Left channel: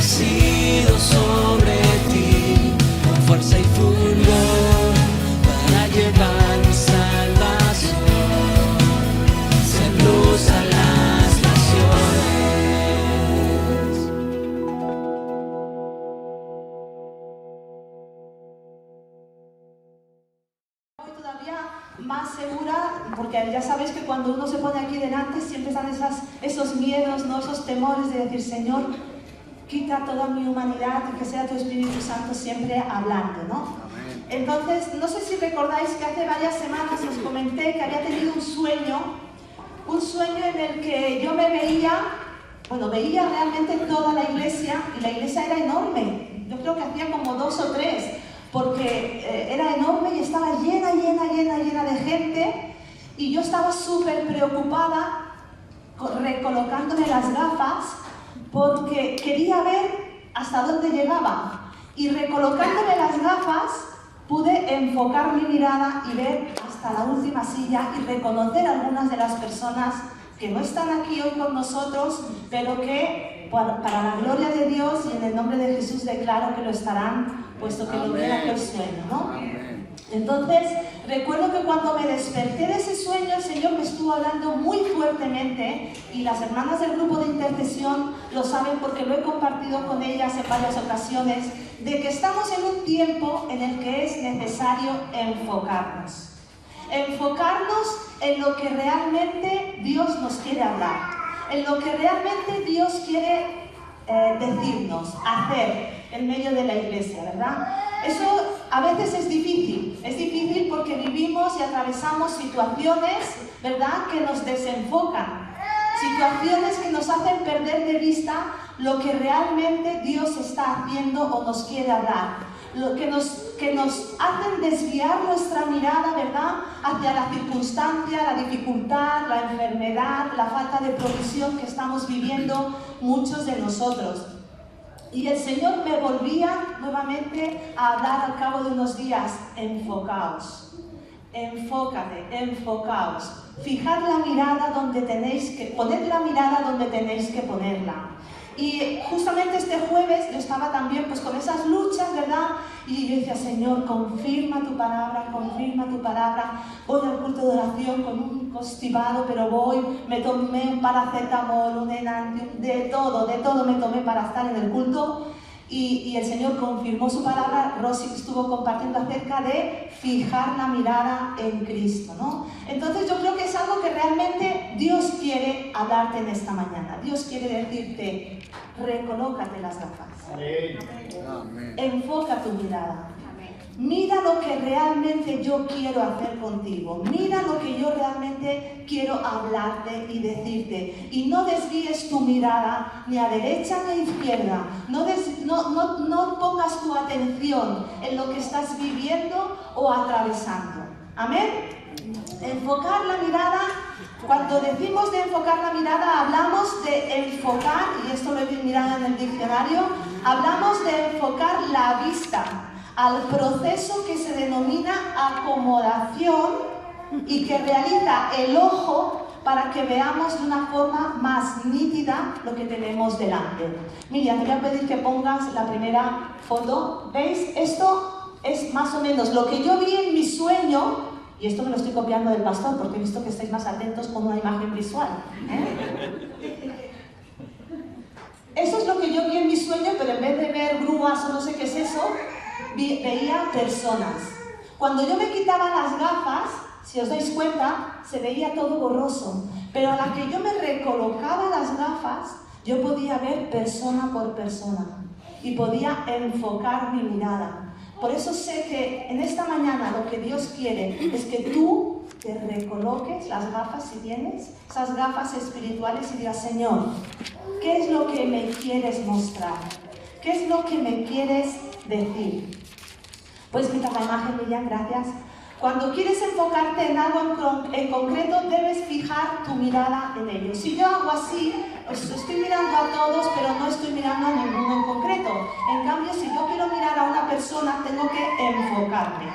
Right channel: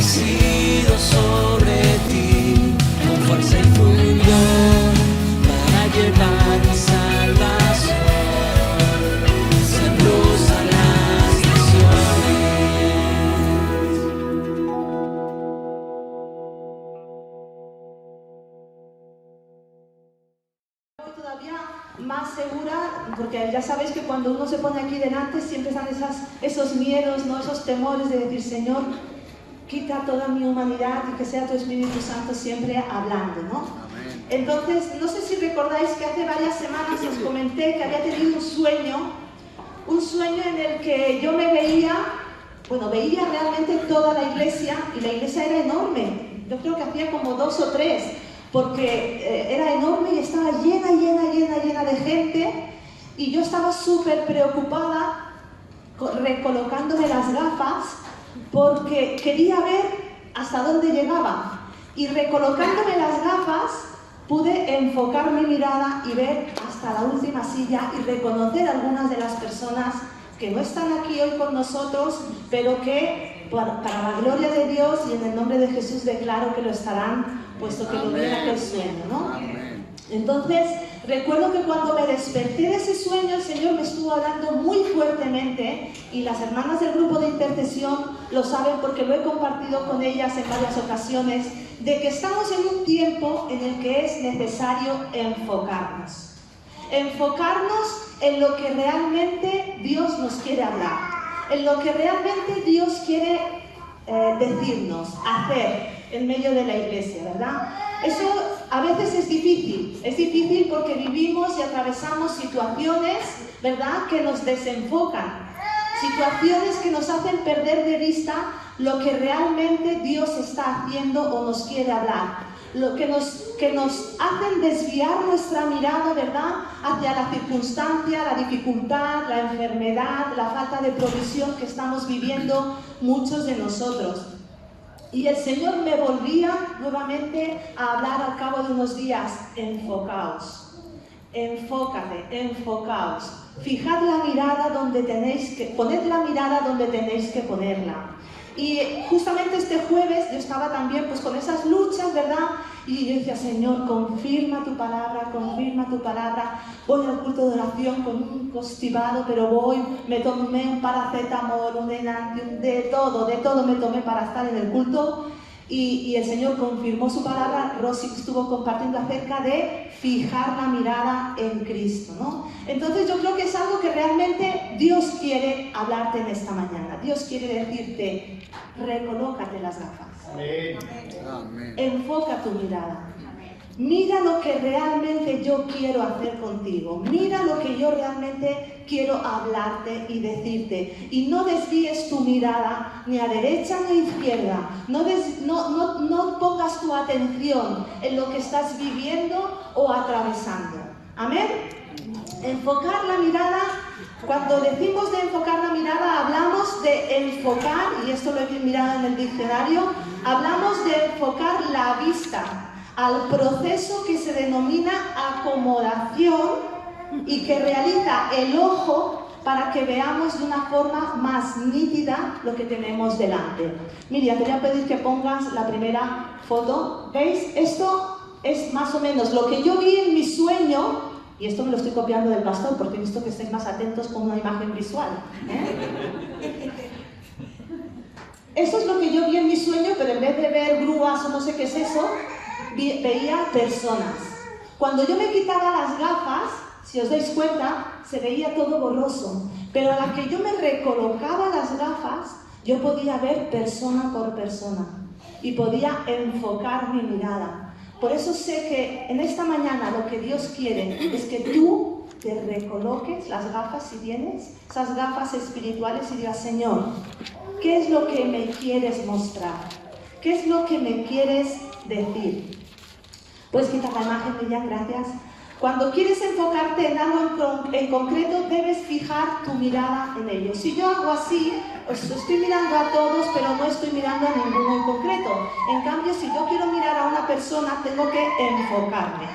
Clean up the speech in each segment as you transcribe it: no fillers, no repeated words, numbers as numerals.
nacido sobre ti, con fuerza y fulgor, para llevar mi salvación, ser luz a las naciones. Todavía más segura, porque ya sabéis que cuando uno se pone aquí delante siempre están esos miedos, ¿no? Esos temores de decir, Señor, quita toda mi humanidad y que sea tu Espíritu Santo siempre hablando, ¿no? Entonces, no sé si recordáis que hace varias semanas os comenté que había tenido un sueño en el que yo me veía realmente toda la iglesia, y la iglesia era enorme. Yo creo que hacía como 2 o 3, porque era enorme y estaba llena de gente, y yo estaba súper preocupada recolocándome las gafas porque quería ver hasta dónde llegaba, y recolocándome las gafas pude enfocar mi mirada y ver hasta la última silla y reconocer a algunas de las personas que no están aquí hoy con nosotros, pero que para la gloria de Dios y en el nombre de Jesús declaro que lo estarán, puesto que lo ven aquel sueño, ¿no? Entonces, recuerdo que cuando me desperté de ese sueño, el Señor me estuvo hablando muy fuertemente, y las hermanas del grupo de intercesión lo saben porque lo he compartido con ellas en varias ocasiones, de que estamos en un tiempo en el que es necesario enfocarnos en lo que realmente Dios nos quiere hablar, en lo que realmente Dios quiere decirnos, hacer en medio de la iglesia, ¿verdad? Eso a veces es difícil porque vivimos y atravesamos situaciones, ¿verdad?, que nos desenfocan, situaciones que nos hacen perder de vista lo que realmente Dios está haciendo o nos quiere hablar, lo que nos hacen desviar nuestra mirada, ¿verdad?, hacia la circunstancia, la dificultad, la enfermedad, la falta de provisión que estamos viviendo muchos de nosotros. Y el Señor me volvía nuevamente a hablar al cabo de unos días: enfocaos, enfocaos, fijad la mirada donde tenéis que, poned la mirada donde tenéis que ponerla. Y justamente este jueves yo estaba también pues con esas luchas, ¿verdad? Y yo decía, Señor, confirma tu palabra, voy al culto de oración con un constipado, pero voy, me tomé un paracetamol, un Enantium, de todo me tomé para estar en el culto, y el Señor confirmó su palabra. Rosy estuvo compartiendo acerca de fijar la mirada en Cristo, ¿no? Entonces yo creo que es algo que realmente Dios quiere hablarte en esta mañana. Dios quiere decirte, recolócate las gafas. Amén. Enfoca tu mirada. Mira lo que realmente yo quiero hacer contigo. Mira lo que yo realmente quiero hablarte y decirte. Y no desvíes tu mirada ni a derecha ni a izquierda. No pongas tu atención en lo que estás viviendo o atravesando. Amén. Enfocar la mirada. Cuando decimos de enfocar la mirada, hablamos de enfocar, y esto lo he mirado en el diccionario, hablamos de enfocar la vista al proceso que se denomina acomodación y que realiza el ojo para que veamos de una forma más nítida lo que tenemos delante. Miriam, te voy a pedir que pongas la primera foto. ¿Veis? Esto es más o menos lo que yo vi en mi sueño, y esto me lo estoy copiando del pastor porque he visto que estáis más atentos con una imagen visual. Eso es lo que yo vi en mi sueño, pero en vez de ver grúas o no sé qué es eso, veía personas. Cuando yo me quitaba las gafas, si os dais cuenta, se veía todo borroso, pero a la que yo me recolocaba las gafas, yo podía ver persona por persona y podía enfocar mi mirada. Por eso sé que en esta mañana lo que Dios quiere es que tú te recoloques las gafas, si tienes esas gafas espirituales, y digas, Señor, ¿qué es lo que me quieres mostrar? ¿Qué es lo que me quieres decir? Puedes quitar la imagen, Miriam, gracias. Cuando quieres enfocarte en algo en concreto, debes fijar tu mirada en ello. Si yo hago así, os estoy mirando a todos, pero no estoy mirando a ninguno en concreto. En cambio, si yo quiero mirar a una persona, tengo que enfocarme.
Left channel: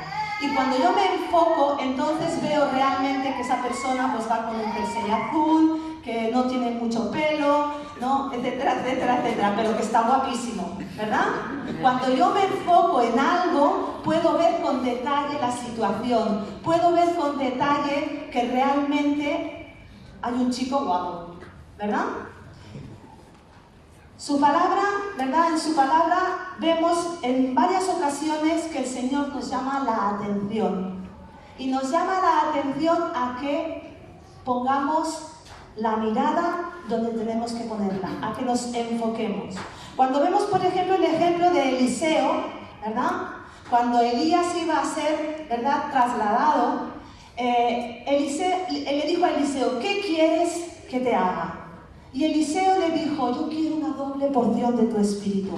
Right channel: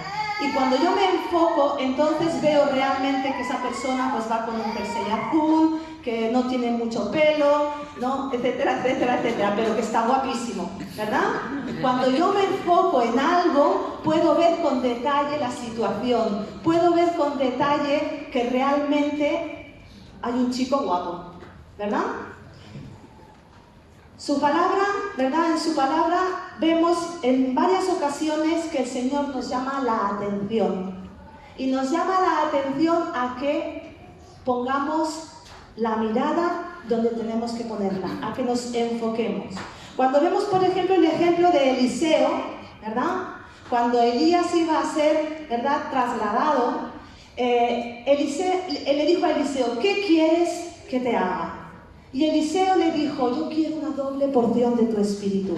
Y cuando yo me enfoco, entonces veo realmente que esa persona pues va con un jersey azul, que no tiene mucho pelo, ¿no? etcétera, pero que está guapísimo. ¿verdad? Cuando yo me enfoco en algo, puedo ver con detalle la situación, puedo ver con detalle que realmente hay un chico guapo, ¿verdad? Su palabra, ¿verdad? En su palabra vemos en varias ocasiones que el Señor nos llama la atención. Y nos llama la atención a que pongamos la mirada donde tenemos que ponerla, a que nos enfoquemos. Cuando vemos, por ejemplo, el ejemplo de Eliseo, ¿verdad? Cuando Elías iba a ser, ¿verdad?, trasladado, él le dijo a Eliseo, ¿qué quieres que te haga? Y Eliseo le dijo, yo quiero una doble porción de tu espíritu.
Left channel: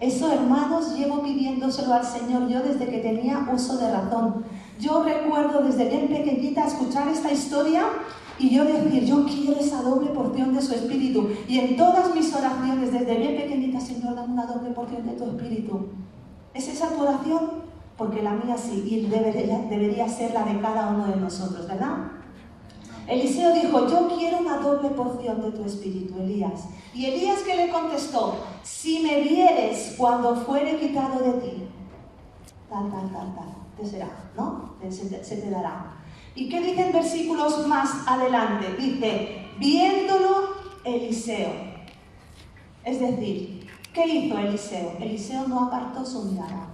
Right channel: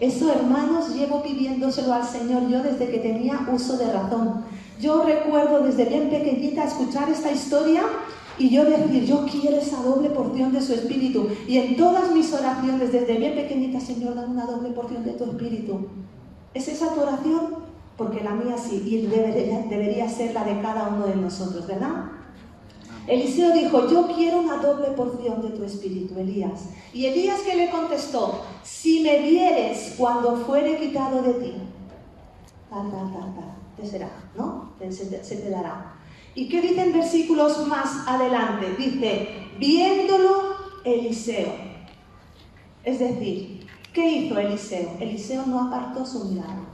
Eso, hermanos, llevo pidiéndoselo al Señor yo desde que tenía uso de razón. Yo recuerdo desde bien pequeñita escuchar esta historia y yo decir, yo quiero esa doble porción de su espíritu. Y en todas mis oraciones desde bien pequeñita, Señor, dame una doble porción de tu espíritu. ¿Es esa tu oración? Porque la mía sí, y debería ser la de cada uno de nosotros, ¿verdad? Eliseo dijo, yo quiero una doble porción de tu espíritu, Elías. Y Elías, que le contestó, si me vieres cuando fuere quitado de ti, tal, te será, ¿no? Se te dará. ¿Y qué dicen versículos más adelante? Dice, viéndolo Eliseo. Es decir, ¿qué hizo Eliseo? Eliseo no apartó su mirada,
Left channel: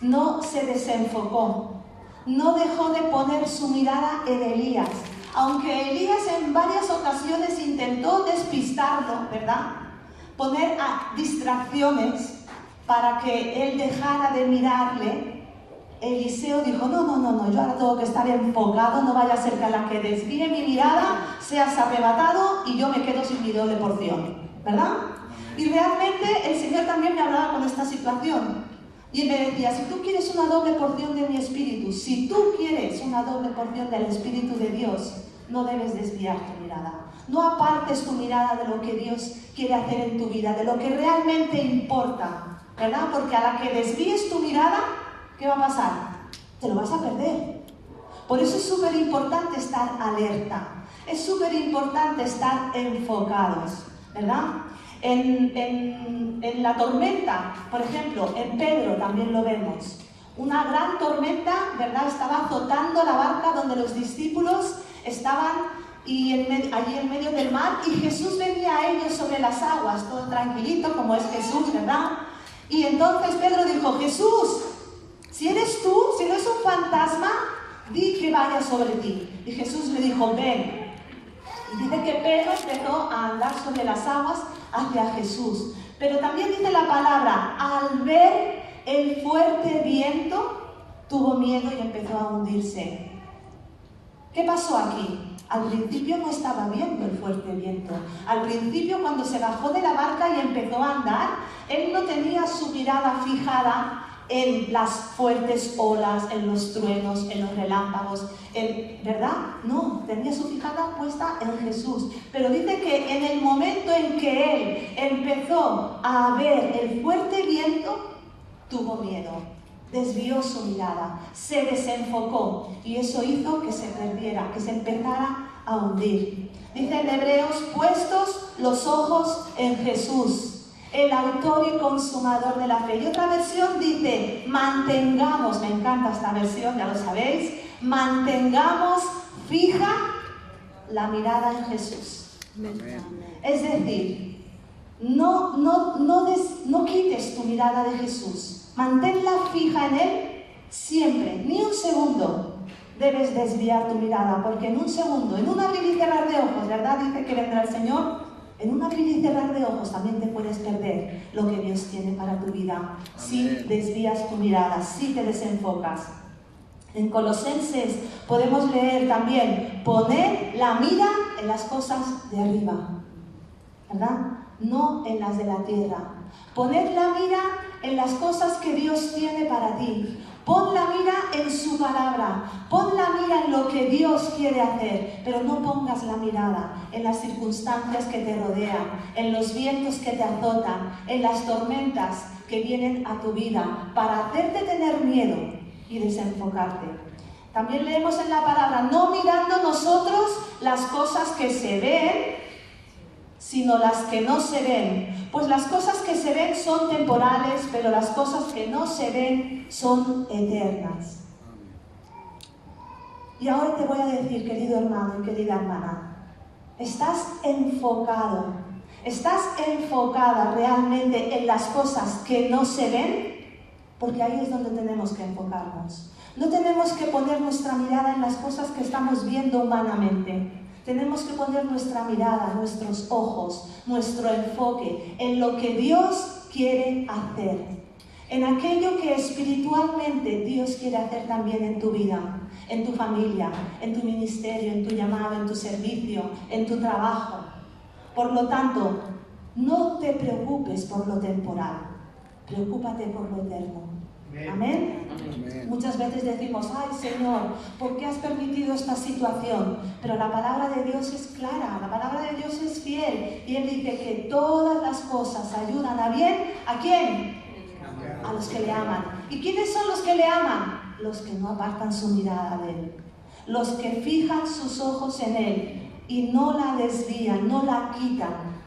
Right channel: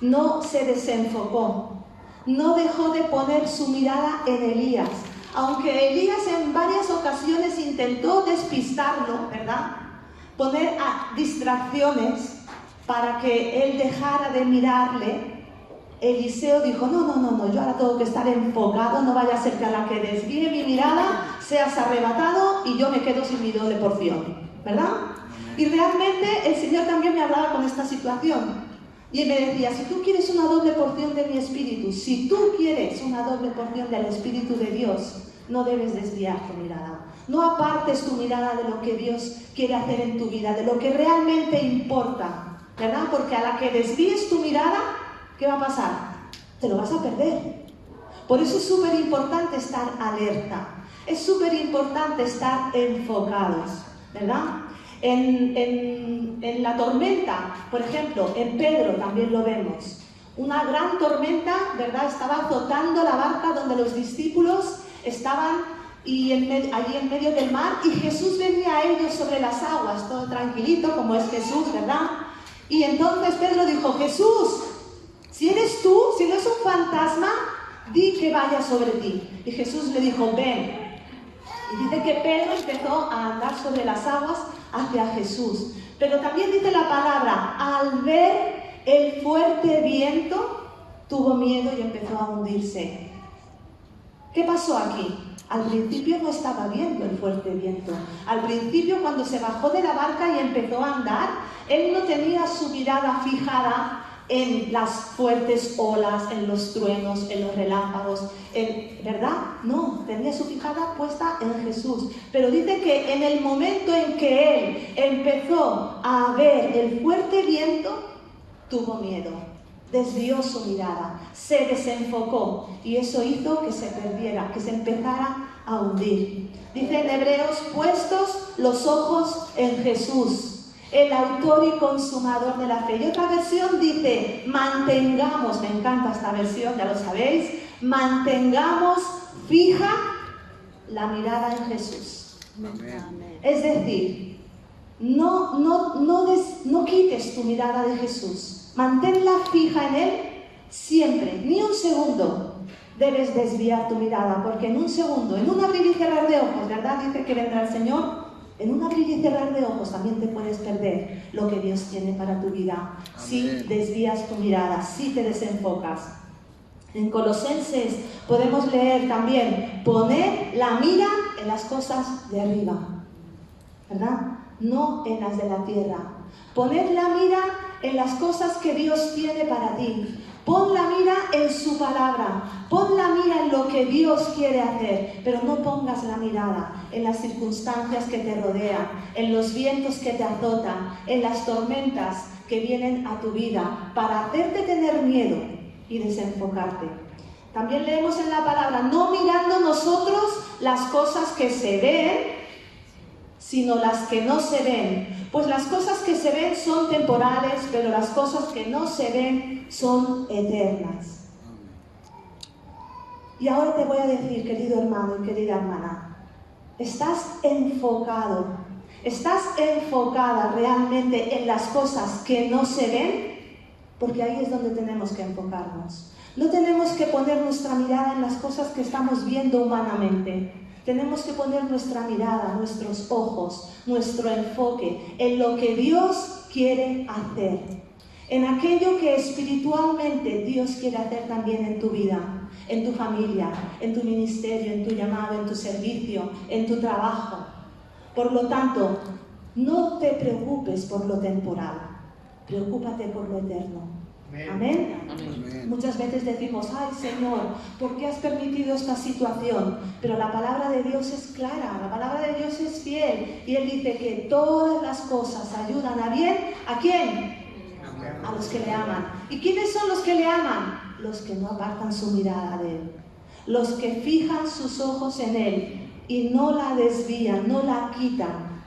no se desenfocó, no dejó de poner su mirada en Elías. Aunque Elías en varias ocasiones intentó despistarlo, ¿verdad? Poner distracciones para que él dejara de mirarle, Eliseo dijo, no, yo ahora tengo que estar enfocado, no vaya a ser que a la que desvíe mi mirada seas arrebatado y yo me quedo sin mi doble porción, ¿verdad? Y realmente el Señor también me hablaba con esta situación. Y él me decía, si tú quieres una doble porción de mi espíritu, si tú quieres una doble porción del espíritu de Dios, no debes desviar tu mirada. No apartes tu mirada de lo que Dios quiere hacer en tu vida, de lo que realmente importa, ¿verdad? Porque a la que desvíes tu mirada, ¿qué va a pasar? Te lo vas a perder. Por eso es súper importante estar alerta, es súper importante estar enfocados, ¿verdad? En la tormenta, por ejemplo, en Pedro también lo vemos. Una gran tormenta, ¿verdad? Estaba azotando la barca donde los discípulos estaban allí en medio del mar, y Jesús venía a ellos sobre las aguas, todo tranquilito como es Jesús, ¿verdad? Y entonces Pedro dijo, Jesús, si eres tú, si no es un fantasma, di que vaya sobre ti. Y Jesús le dijo, ven. Y dice que Pedro empezó a andar sobre las aguas hacia Jesús. Pero también dice la palabra, al ver el fuerte viento, tuvo miedo y empezó a hundirse. ¿Qué pasó aquí? Al principio no estaba viendo el fuerte viento. Al principio, cuando se bajó de la barca y empezó a andar, él no tenía su mirada fijada en las fuertes olas, en los truenos, en los relámpagos, ¿verdad? No, tenía su fijada puesta en Jesús. Pero dice que en el momento en que él empezó a ver el fuerte viento, tuvo miedo, desvió su mirada, se desenfocó, y eso hizo que se perdiera, que se empezara a hundir. Dice en Hebreos, puestos los ojos en Jesús, el autor y consumador de la fe. Y otra versión dice, mantengamos, me encanta esta versión, ya lo sabéis, mantengamos fija la mirada en Jesús. Amén. Es decir, no quites tu mirada de Jesús, manténla fija en Él siempre, ni un segundo debes desviar tu mirada, porque en un segundo, en un abrir y cerrar de ojos, ¿verdad? Dice que vendrá el Señor. En un abrir y cerrar de ojos también te puedes perder lo que Dios tiene para tu vida. Amén. Si desvías tu mirada, si te desenfocas. En Colosenses podemos leer también, poned la mira en las cosas de arriba, ¿verdad? No en las de la tierra. Poned la mira en las cosas que Dios tiene para ti. Pon la mira en su palabra, pon la mira en lo que Dios quiere hacer, pero no pongas la mirada en las circunstancias que te rodean, en los vientos que te azotan, en las tormentas que vienen a tu vida, para hacerte tener miedo y desenfocarte. También leemos en la palabra, no mirando nosotros las cosas que se ven, sino las que no se ven. Pues las cosas que se ven son temporales, pero las cosas que no se ven son eternas. Y ahora te voy a decir, querido hermano y querida hermana, ¿estás enfocado? ¿Estás enfocada realmente en las cosas que no se ven? Porque ahí es donde tenemos que enfocarnos. No tenemos que poner nuestra mirada en las cosas que estamos viendo humanamente. Tenemos que poner nuestra mirada, nuestros ojos, nuestro enfoque en lo que Dios quiere hacer. En aquello que espiritualmente Dios quiere hacer también en tu vida, en tu familia, en tu ministerio, en tu llamado, en tu servicio, en tu trabajo. Por lo tanto, no te preocupes por lo temporal, preocúpate por lo eterno. ¿Amén? Amén. Muchas veces decimos, ay Señor, ¿por qué has permitido esta situación? Pero la palabra de Dios es clara, la palabra de Dios es fiel. Y Él dice que todas las cosas ayudan a bien. ¿A quién? A los que le aman. ¿Y quiénes son los que le aman? Los que no apartan su mirada de Él. Los que fijan sus ojos en Él y no la desvían, no la quitan.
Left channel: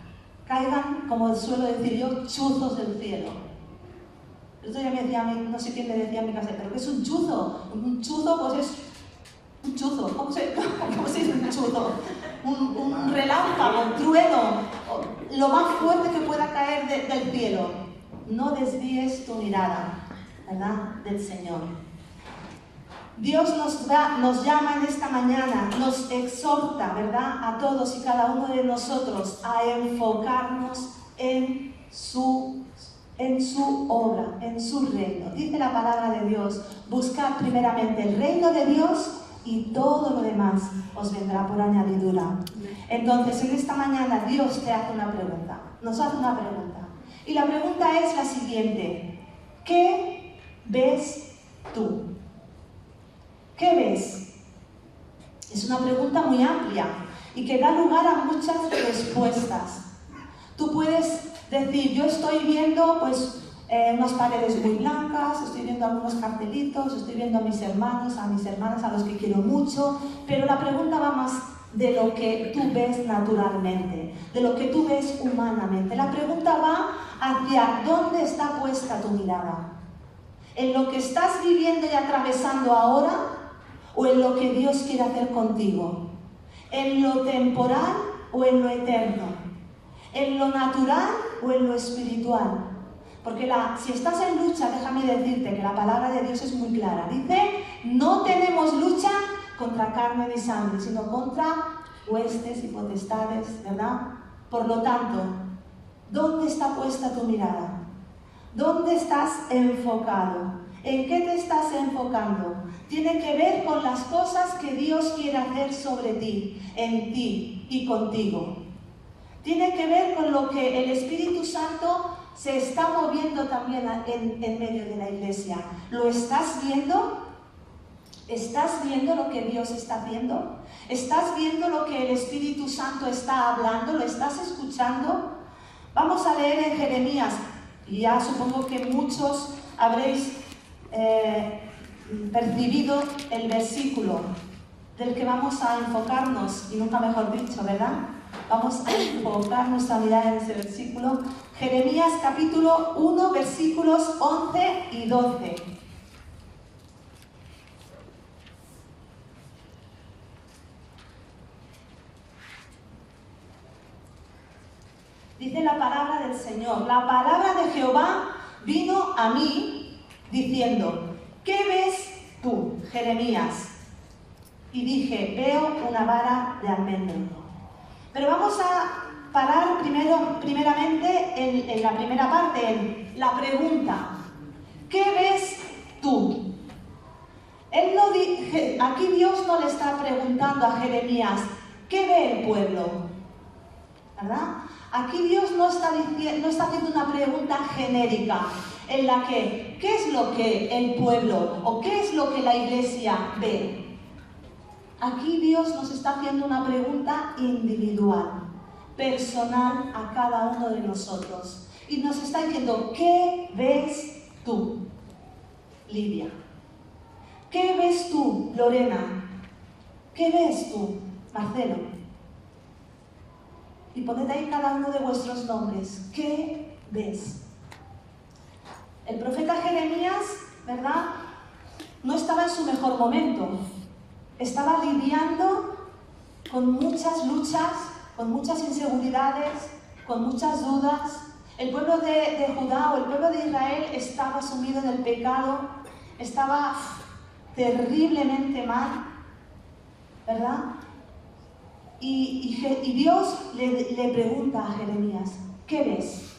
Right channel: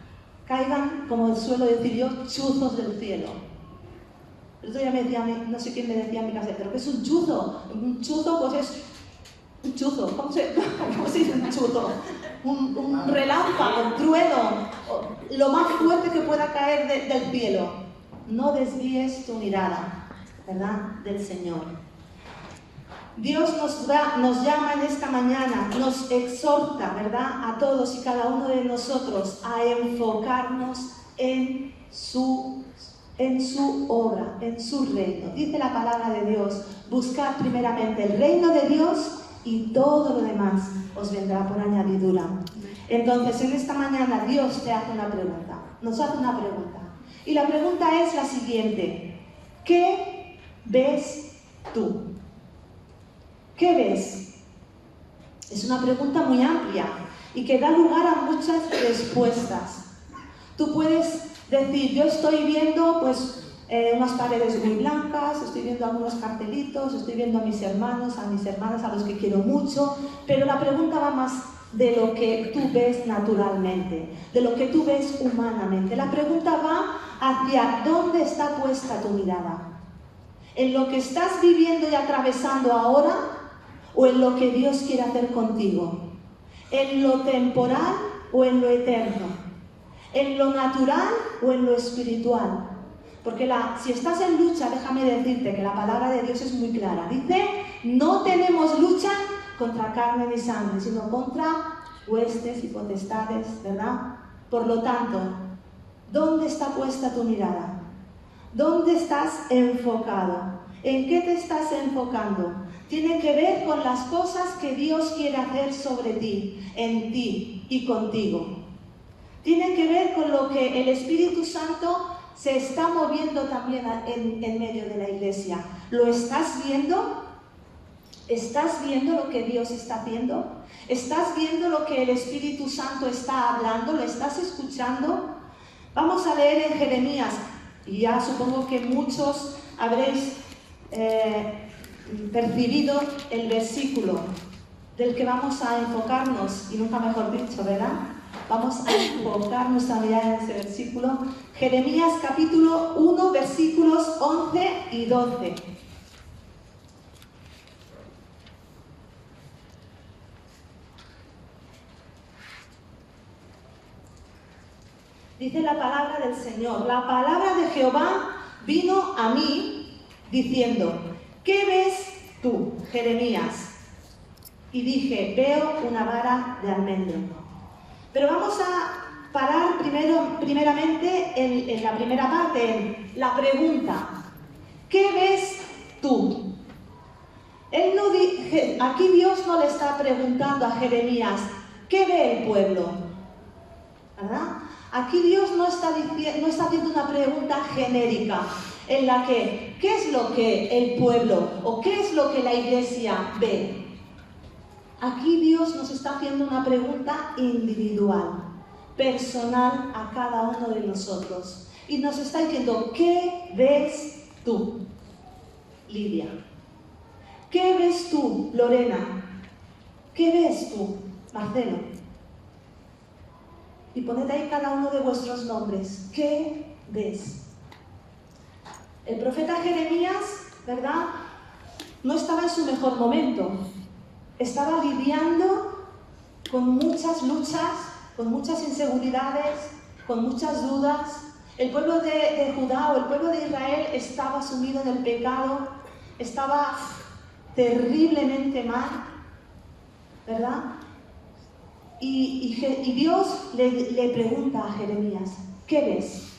Caigan, como suelo decir yo, chuzos del cielo. El otro día me decía, no sé quién le decía a mi casa, pero ¿qué es un chuzo? Un chuzo pues es un chuzo. ¿Cómo se dice un chuzo? Un relámpago, un trueno, lo más fuerte que pueda caer del cielo. No desvíes tu mirada, ¿verdad?, del Señor. Dios nos llama en esta mañana, nos exhorta, ¿verdad?, a todos y cada uno de nosotros a enfocarnos en su obra, en su reino. Dice la palabra de Dios, buscad primeramente el reino de Dios y todo lo demás os vendrá por añadidura. Entonces, en esta mañana Dios te hace una pregunta, nos hace una pregunta. Y la pregunta es la siguiente: ¿qué ves tú? ¿Qué ves? Es una pregunta muy amplia y que da lugar a muchas respuestas. Tú puedes decir, yo estoy viendo unas paredes muy blancas, estoy viendo algunos cartelitos, estoy viendo a mis hermanos, a mis hermanas, a los que quiero mucho, pero la pregunta va más de lo que tú ves naturalmente, de lo que tú ves humanamente. La pregunta va hacia dónde está puesta tu mirada. ¿En lo que estás viviendo y atravesando ahora o en lo que Dios quiere hacer contigo? ¿En lo temporal o en lo eterno? ¿En lo natural o en lo espiritual? Porque si estás en lucha, déjame decirte que la palabra de Dios es muy clara. Dice, no tenemos lucha contra carne ni sangre, sino contra huestes y potestades, ¿verdad? Por lo tanto, ¿dónde está puesta tu mirada? ¿Dónde estás enfocado? ¿En qué te estás enfocando? Tiene que ver con las cosas que Dios quiere hacer sobre ti, en ti y contigo. Tiene que ver con lo que el Espíritu Santo se está moviendo también en medio de la iglesia. ¿Lo estás viendo? ¿Estás viendo lo que Dios está haciendo? ¿Estás viendo lo que el Espíritu Santo está hablando? ¿Lo estás escuchando? Vamos a leer en Jeremías, y ya supongo que muchos habréis percibido el versículo del que vamos a enfocarnos, y nunca mejor dicho, ¿verdad? Vamos a enfocar nuestra mirada en ese versículo. Jeremías capítulo 1, versículos 11 y 12. Dice la palabra del Señor, la palabra de Jehová vino a mí diciendo, ¿qué ves tú, Jeremías? Y dije, veo una vara de almendro. Pero vamos a parar primeramente en la primera parte, en la pregunta. ¿Qué ves tú? Aquí Dios no le está preguntando a Jeremías, ¿qué ve el pueblo? ¿Verdad? Aquí Dios no está haciendo una pregunta genérica en la que, ¿qué es lo que el pueblo o qué es lo que la iglesia ve? Aquí Dios nos está haciendo una pregunta individual, personal a cada uno de nosotros. Y nos está diciendo, ¿qué ves tú, Lidia? ¿Qué ves tú, Lorena? ¿Qué ves tú, Marcelo? Y poned ahí cada uno de vuestros nombres. ¿Qué ves? El profeta Jeremías, ¿verdad?, no estaba en su mejor momento. Estaba lidiando con muchas luchas, con muchas inseguridades, con muchas dudas. El pueblo de Judá o el pueblo de Israel estaba sumido en el pecado, estaba terriblemente mal, ¿verdad? Y Dios le pregunta a Jeremías, ¿qué ves?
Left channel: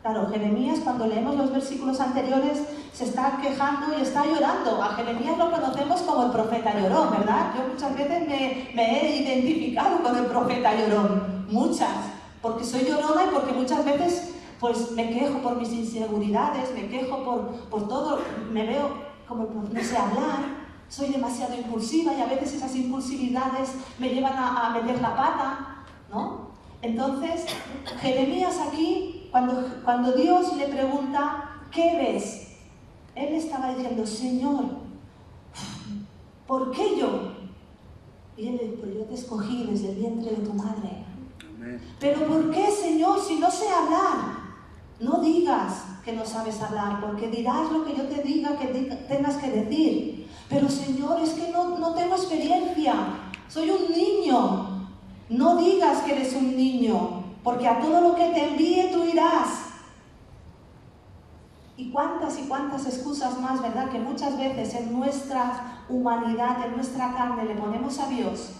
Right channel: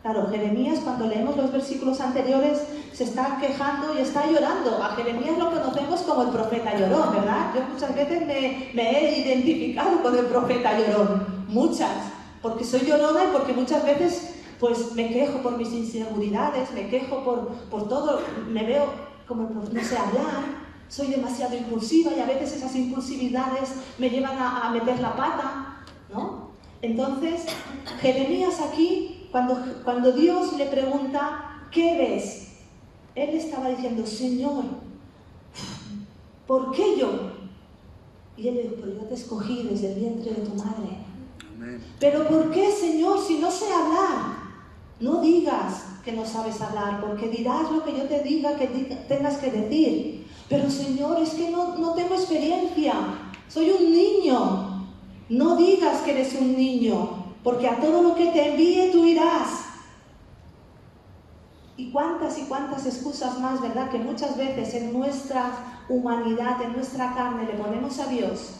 Claro, Jeremías, cuando leemos los versículos anteriores, se está quejando y está llorando. A Jeremías lo conocemos como el profeta llorón, ¿verdad? Yo muchas veces me he identificado con el profeta llorón, muchas, porque soy llorona y porque muchas veces pues me quejo por mis inseguridades, me quejo por todo, me veo como no sé hablar, soy demasiado impulsiva y a veces esas impulsividades me llevan a meter la pata, ¿no? Entonces, Jeremías aquí, cuando Dios le pregunta, ¿qué ves?, él estaba diciendo, Señor, ¿por qué yo? Y él le dijo, pues yo te escogí desde el vientre de tu madre. Amén. Pero ¿por qué, Señor, si no sé hablar? No digas que no sabes hablar, porque dirás lo que yo te diga que tengas que decir. Pero Señor, es que no tengo experiencia, soy un niño. No digas que eres un niño, porque a todo lo que te envíe tú irás. Y cuántas excusas más, ¿verdad?, que muchas veces en nuestra humanidad, en nuestra carne, le ponemos a Dios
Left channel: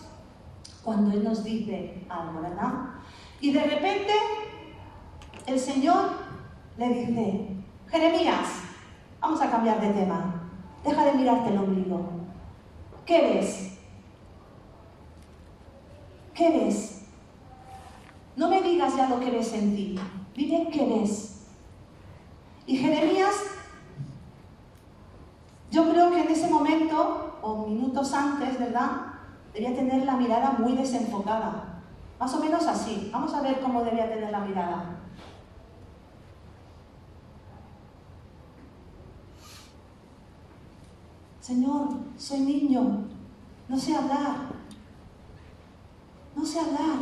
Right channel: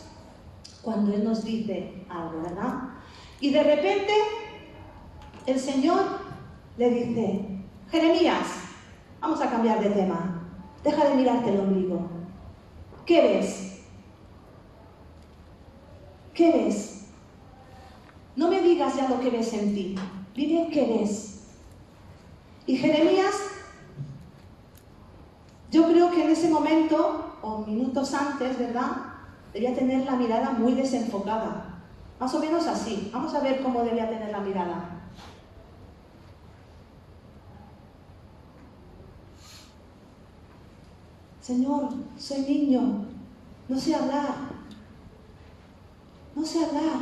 cuando Él nos dice algo, ¿verdad? Y de repente el Señor le dice, Jeremías, vamos a cambiar de tema, deja de mirarte el ombligo. ¿Qué ves? ¿Qué ves? No me digas ya lo que ves en ti, dime qué ves. Y Jeremías, yo creo que en ese momento, o minutos antes, ¿verdad?, debía tener la mirada muy desenfocada. Más o menos así. Vamos a ver cómo debía tener la mirada. Señor, soy niño, no sé hablar. No sé hablar.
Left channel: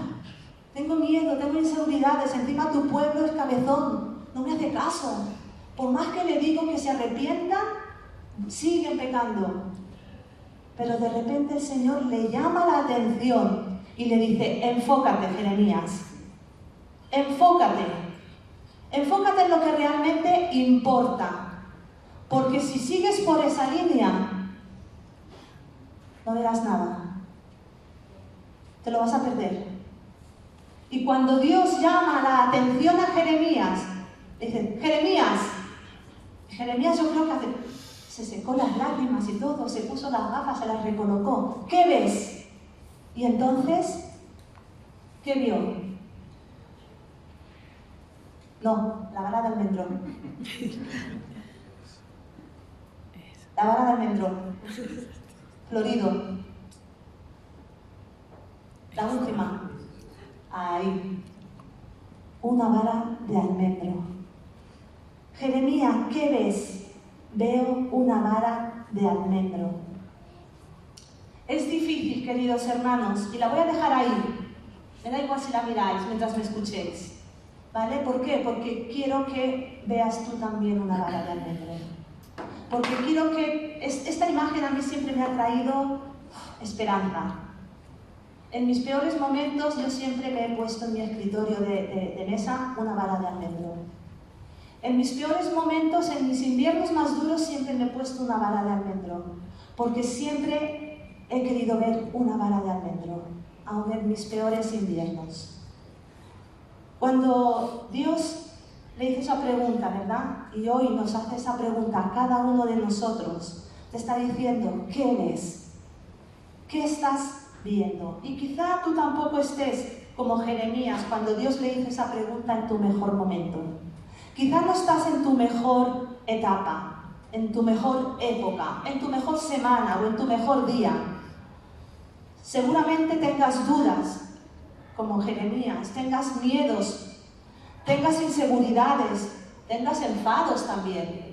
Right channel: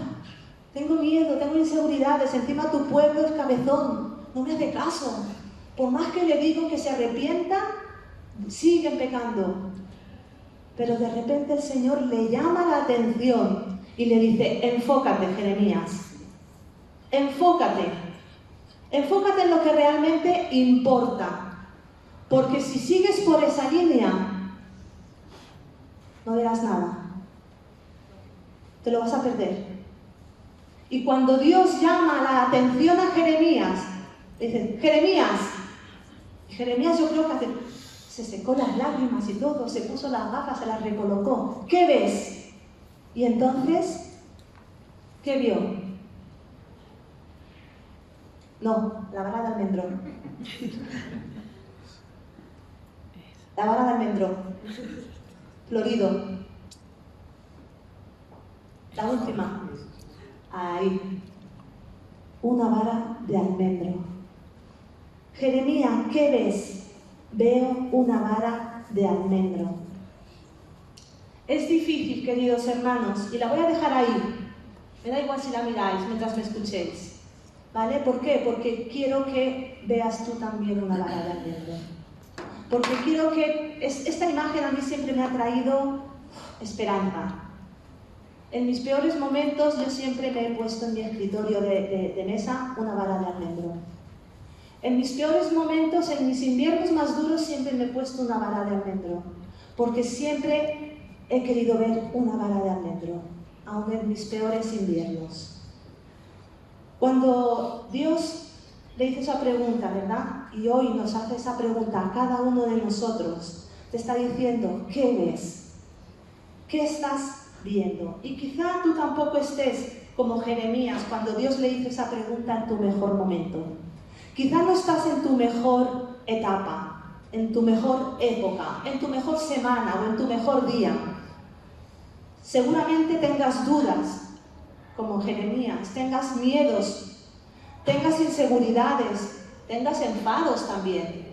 Tengo miedo, tengo inseguridades. Encima tu pueblo es cabezón, no me hace caso. Por más que le digo que se arrepienta, siguen pecando. Pero de repente el Señor le llama la atención y le dice, enfócate, Jeremías. Enfócate. Enfócate en lo que realmente importa. Porque si sigues por esa línea, no verás nada. Te lo vas a perder. Y cuando Dios llama la atención a Jeremías, dice, Jeremías, yo creo que se secó las lágrimas y todo, se puso las gafas, se las recolocó. ¿Qué ves? Y entonces, ¿qué vio? No, la vara de almendrón. La vara de almendrón. Florido. La última. Ahí. Una vara de almendro. Jeremías, ¿qué ves? Veo una vara de almendro. Es difícil, queridos hermanos, y la voy a dejar ahí. Me da igual si la miráis mientras me escuchéis. ¿Vale? ¿Por qué? Porque quiero que veas tú también una vara de almendro. Porque quiero que... Esta imagen a mí siempre me ha traído esperanza. En mis peores momentos yo siempre me he puesto en mi escritorio de mesa una vara de almendro. En mis peores momentos, en mis inviernos más duros, siempre me he puesto una vara de almendro, porque siempre he querido ver una vara de almendro, aun en mis peores inviernos. Cuando Dios le hizo esa pregunta, ¿verdad?, y hoy nos hace esa pregunta a cada uno de nosotros, te está diciendo, ¿qué ves? ¿Qué estás viendo? Y quizá tú tampoco estés como Jeremías cuando Dios le hizo esa pregunta en tu mejor momento. Quizá no estás en tu mejor etapa, en tu mejor época, en tu mejor semana o en tu mejor día. Seguramente tengas dudas, como Jeremías, tengas miedos, tengas inseguridades, tengas enfados también,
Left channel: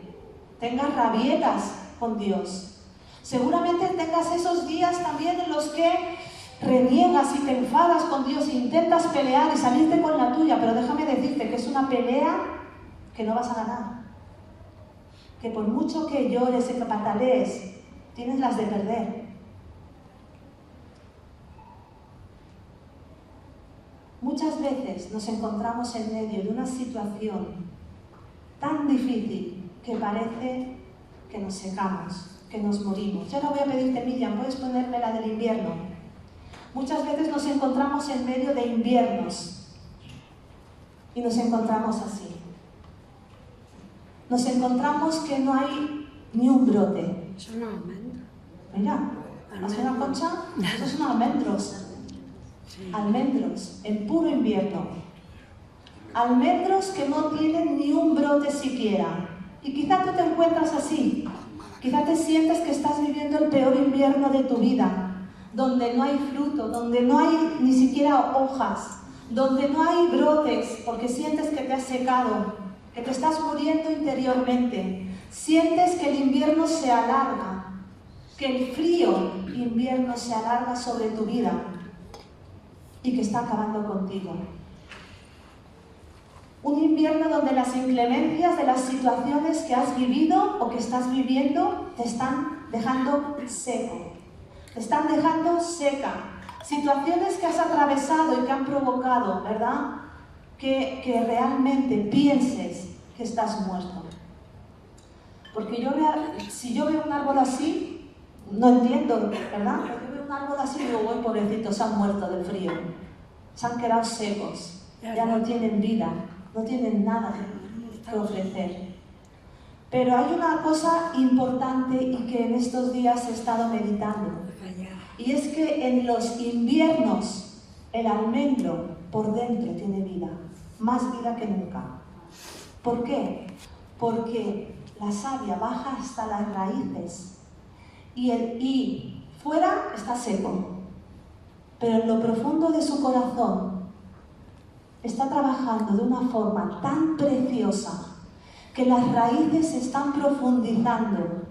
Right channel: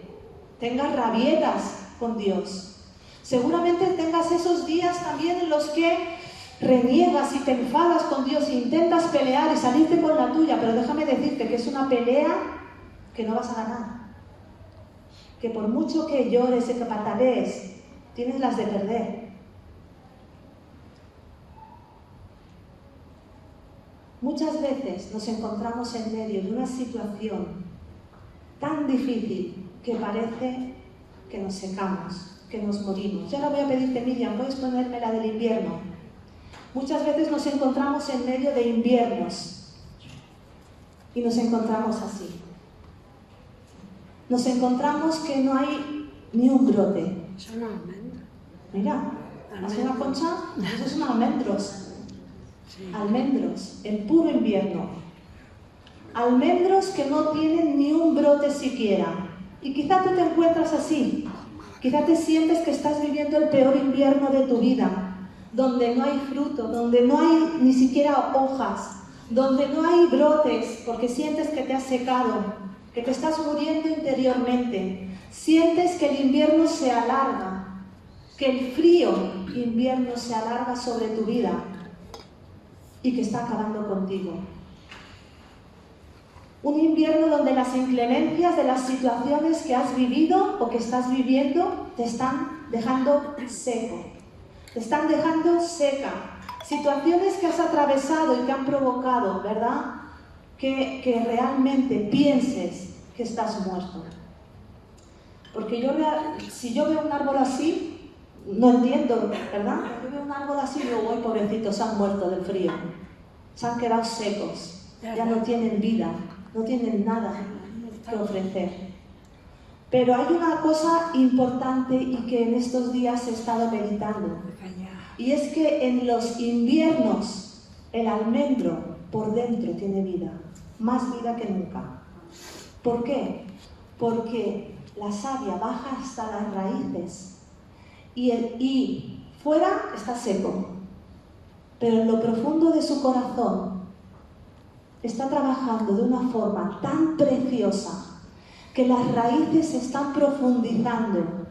tengas rabietas con Dios. Seguramente tengas esos días también en los que reniegas y te enfadas con Dios, intentas pelear y salirte con la tuya, pero déjame decirte que es una pelea que no vas a ganar, que por mucho que llores y que patalees, tienes las de perder. Muchas veces nos encontramos en medio de una situación tan difícil que parece que nos secamos, que nos morimos. Yo ahora voy a pedirte, Miriam, ¿puedes ponerme la del invierno? Muchas veces nos encontramos en medio de inviernos y nos encontramos así. Nos encontramos que no hay ni un brote. Son almendros. Mira, ¿es una concha? Esos son almendros. Almendros, en puro invierno. Almendros que no tienen ni un brote siquiera. Y quizá tú te encuentras así. Quizá te sientes que estás viviendo el peor invierno de tu vida, donde no hay fruto, donde no hay ni siquiera hojas, donde no hay brotes, porque sientes que te has secado, que te estás muriendo interiormente. Sientes que el invierno se alarga, que el frío invierno se alarga sobre tu vida y que está acabando contigo. Un invierno donde las inclemencias de las situaciones que has vivido o que estás viviendo te están dejando seco, te están dejando seca. Situaciones que has atravesado y que han provocado, ¿verdad?, que realmente pienses que estás muerto. Porque si yo veo un árbol así, no entiendo, ¿verdad? Yo veo un árbol así y digo, uy, pobrecitos, se han muerto del frío, se han quedado secos, ya no tienen vida, no tienen nada que ofrecer. Pero hay una cosa importante y que en estos días he estado meditando, y es que en los inviernos el almendro por dentro tiene vida, más vida que nunca. ¿Por qué? Porque la savia baja hasta las raíces y fuera está seco, pero en lo profundo de su corazón está trabajando de una forma tan preciosa que las raíces están profundizando,